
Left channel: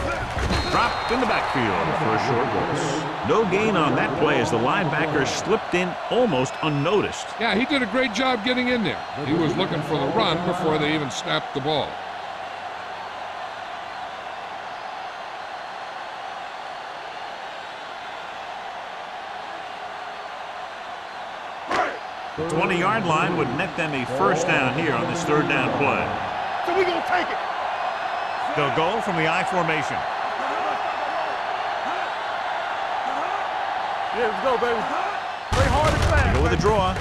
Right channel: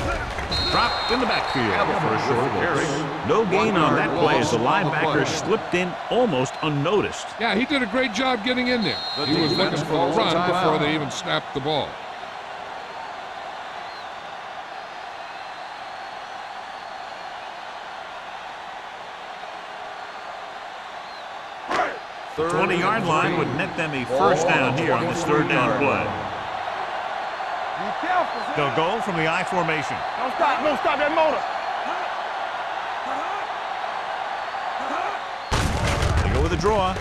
Dropped in the backfield for a short loss. No gain on that play as the linebacker slipped in almost unnoticed. Yeah, he did a great job getting in there. He was looking for the run before they even snapped the ball. The 20-yard line would net them a first down here on this third down play. So we gonna take it. Be careful. They'll go from the I formation. Don't stop that motor. Yeah, let's go, baby. Play hard and fast. They go with a draw.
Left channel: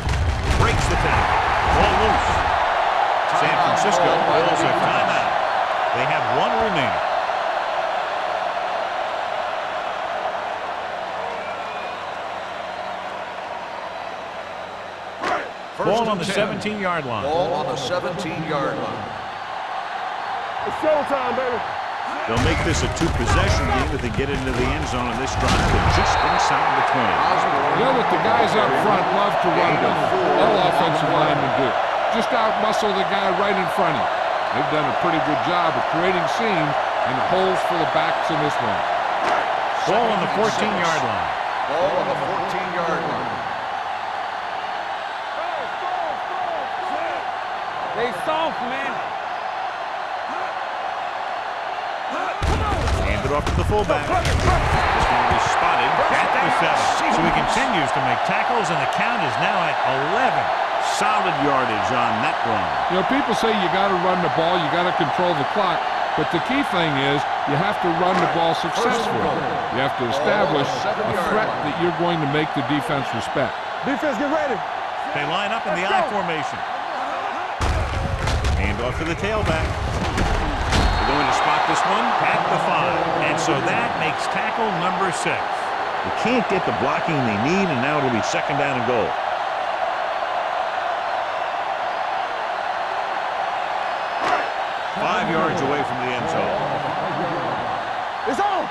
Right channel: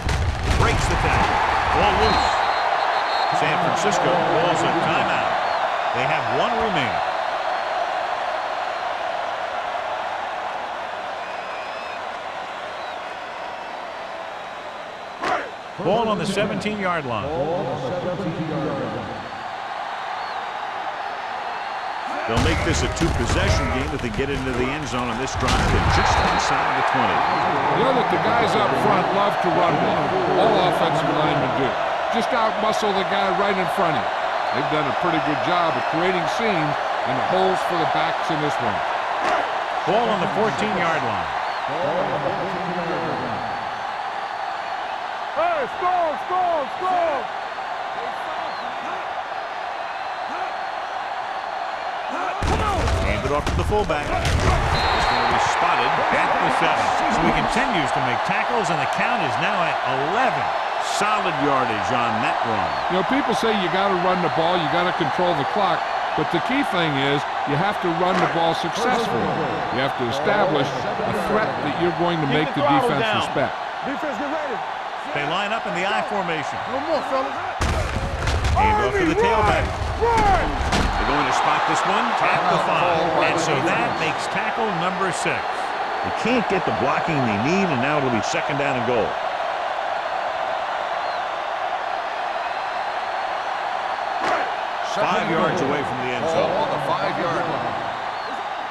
Breaks the tackle. Ball loose. San Francisco calls a timeout. They have one remaining. Ball on the 17-yard line. Ball on the 17-yard line. It's showtime, baby. They'll make this a 2-possession game if they get into the end zone on this drive. They're just inside the 20. You know that the guys up front love to run well. All offensive linemen do. Just out-muscle the guy right in front of you. They've done a pretty good job of creating seams and holes for the backs in this one. Ball on the 14-yard line. Ball on the 14-yard line. Hey, score. They soft, man. Handed off to the fullback. This one will be spotted at the 7. So he continues to make tackles, and the count is now at 11. Solid yardage on that run. You know, people say you got to run the ball, you got to control the clock. But the key thing is you have to run the ball successfully. You have to establish a threat that you're going to make the defense respect. Defense, get ready. They line up in the I formation. Hand off to the tailback. They're going to spot this one at the 5. And so that makes tackle number 6. They can't get the blocking they need, and now it'll be 2nd down and goal. Five yards away from the end zone. It's on.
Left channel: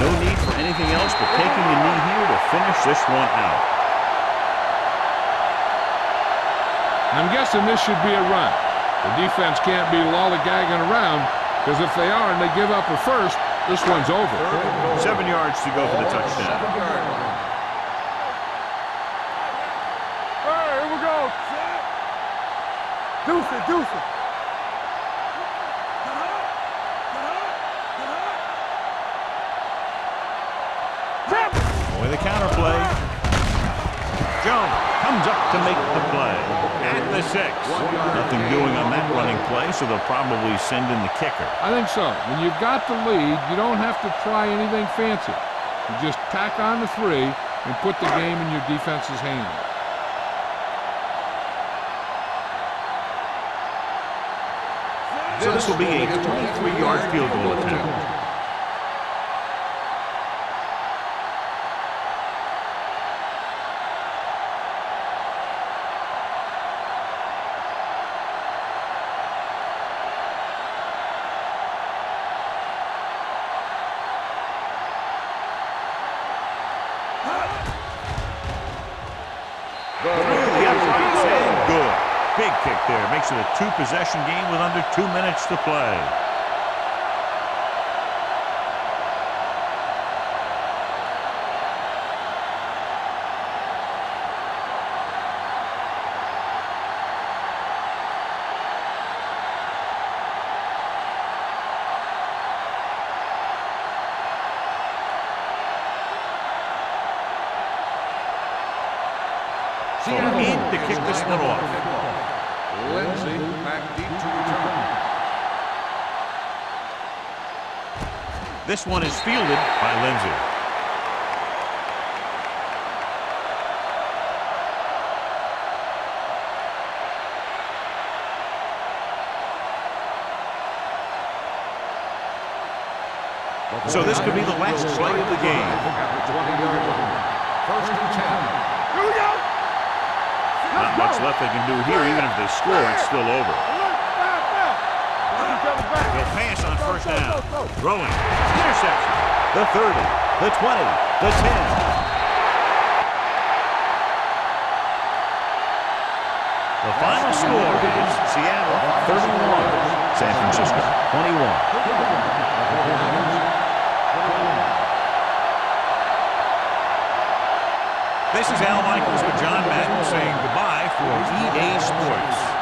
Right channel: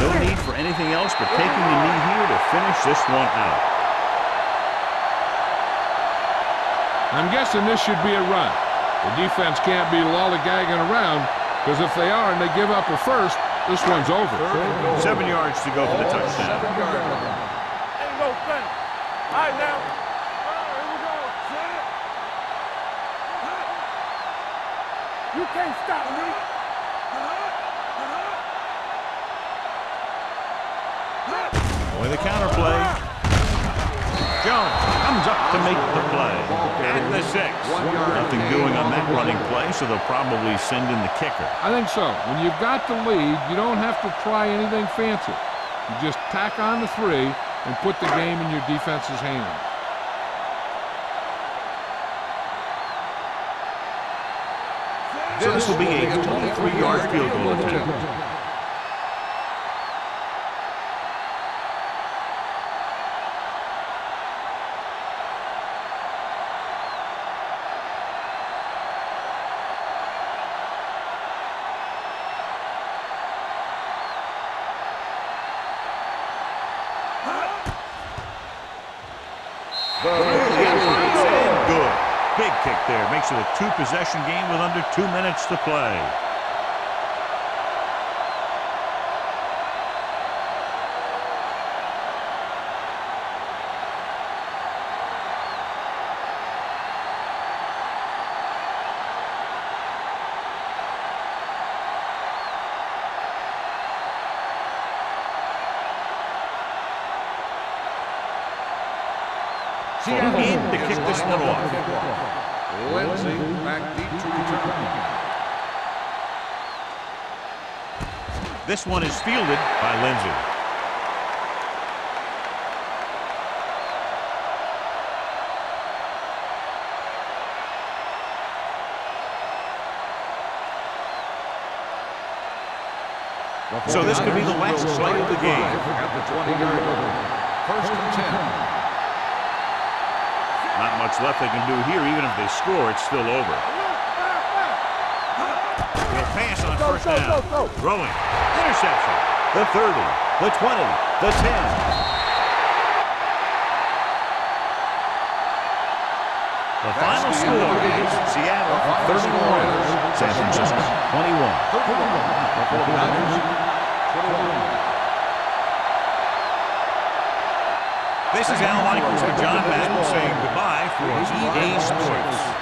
No need for anything else but taking a knee here to finish this one out. I'm guessing this should be a run. The defense can't be lollygagging around, because if they are and they give up a first, this one's over. 7 yards to go for the touchdown. 7-yard line. All right, now. All right, here we go. Set. Deuces. You can't stop. Boy, the counter play. Jones comes up to make the play. At the 6. Nothing doing on that running play, so they'll probably send in the kicker. I think so. When you've got the lead, you don't have to try anything fancy. You just tack on the 3 and put the game in your defense's hands. So this will be a 23-yard field goal attempt. Through the uprights and good. Big kick there. Makes it a 2-possession game with under 2 minutes to play. In to kick this one off. Lindsay back deep to return. This one is fielded by Lindsay. So this could be the last play of the game. At the 20-yard line. 1st and 10. Not much left they can do here. Even if they score, it's still over. They'll pass on 1st down. Throwing. Interception. The 30, the 20, the 10. The final score is Seattle 31, San Francisco 21. The 49ers 21. This is Al Michaels with John Madden saying goodbye for EA Sports.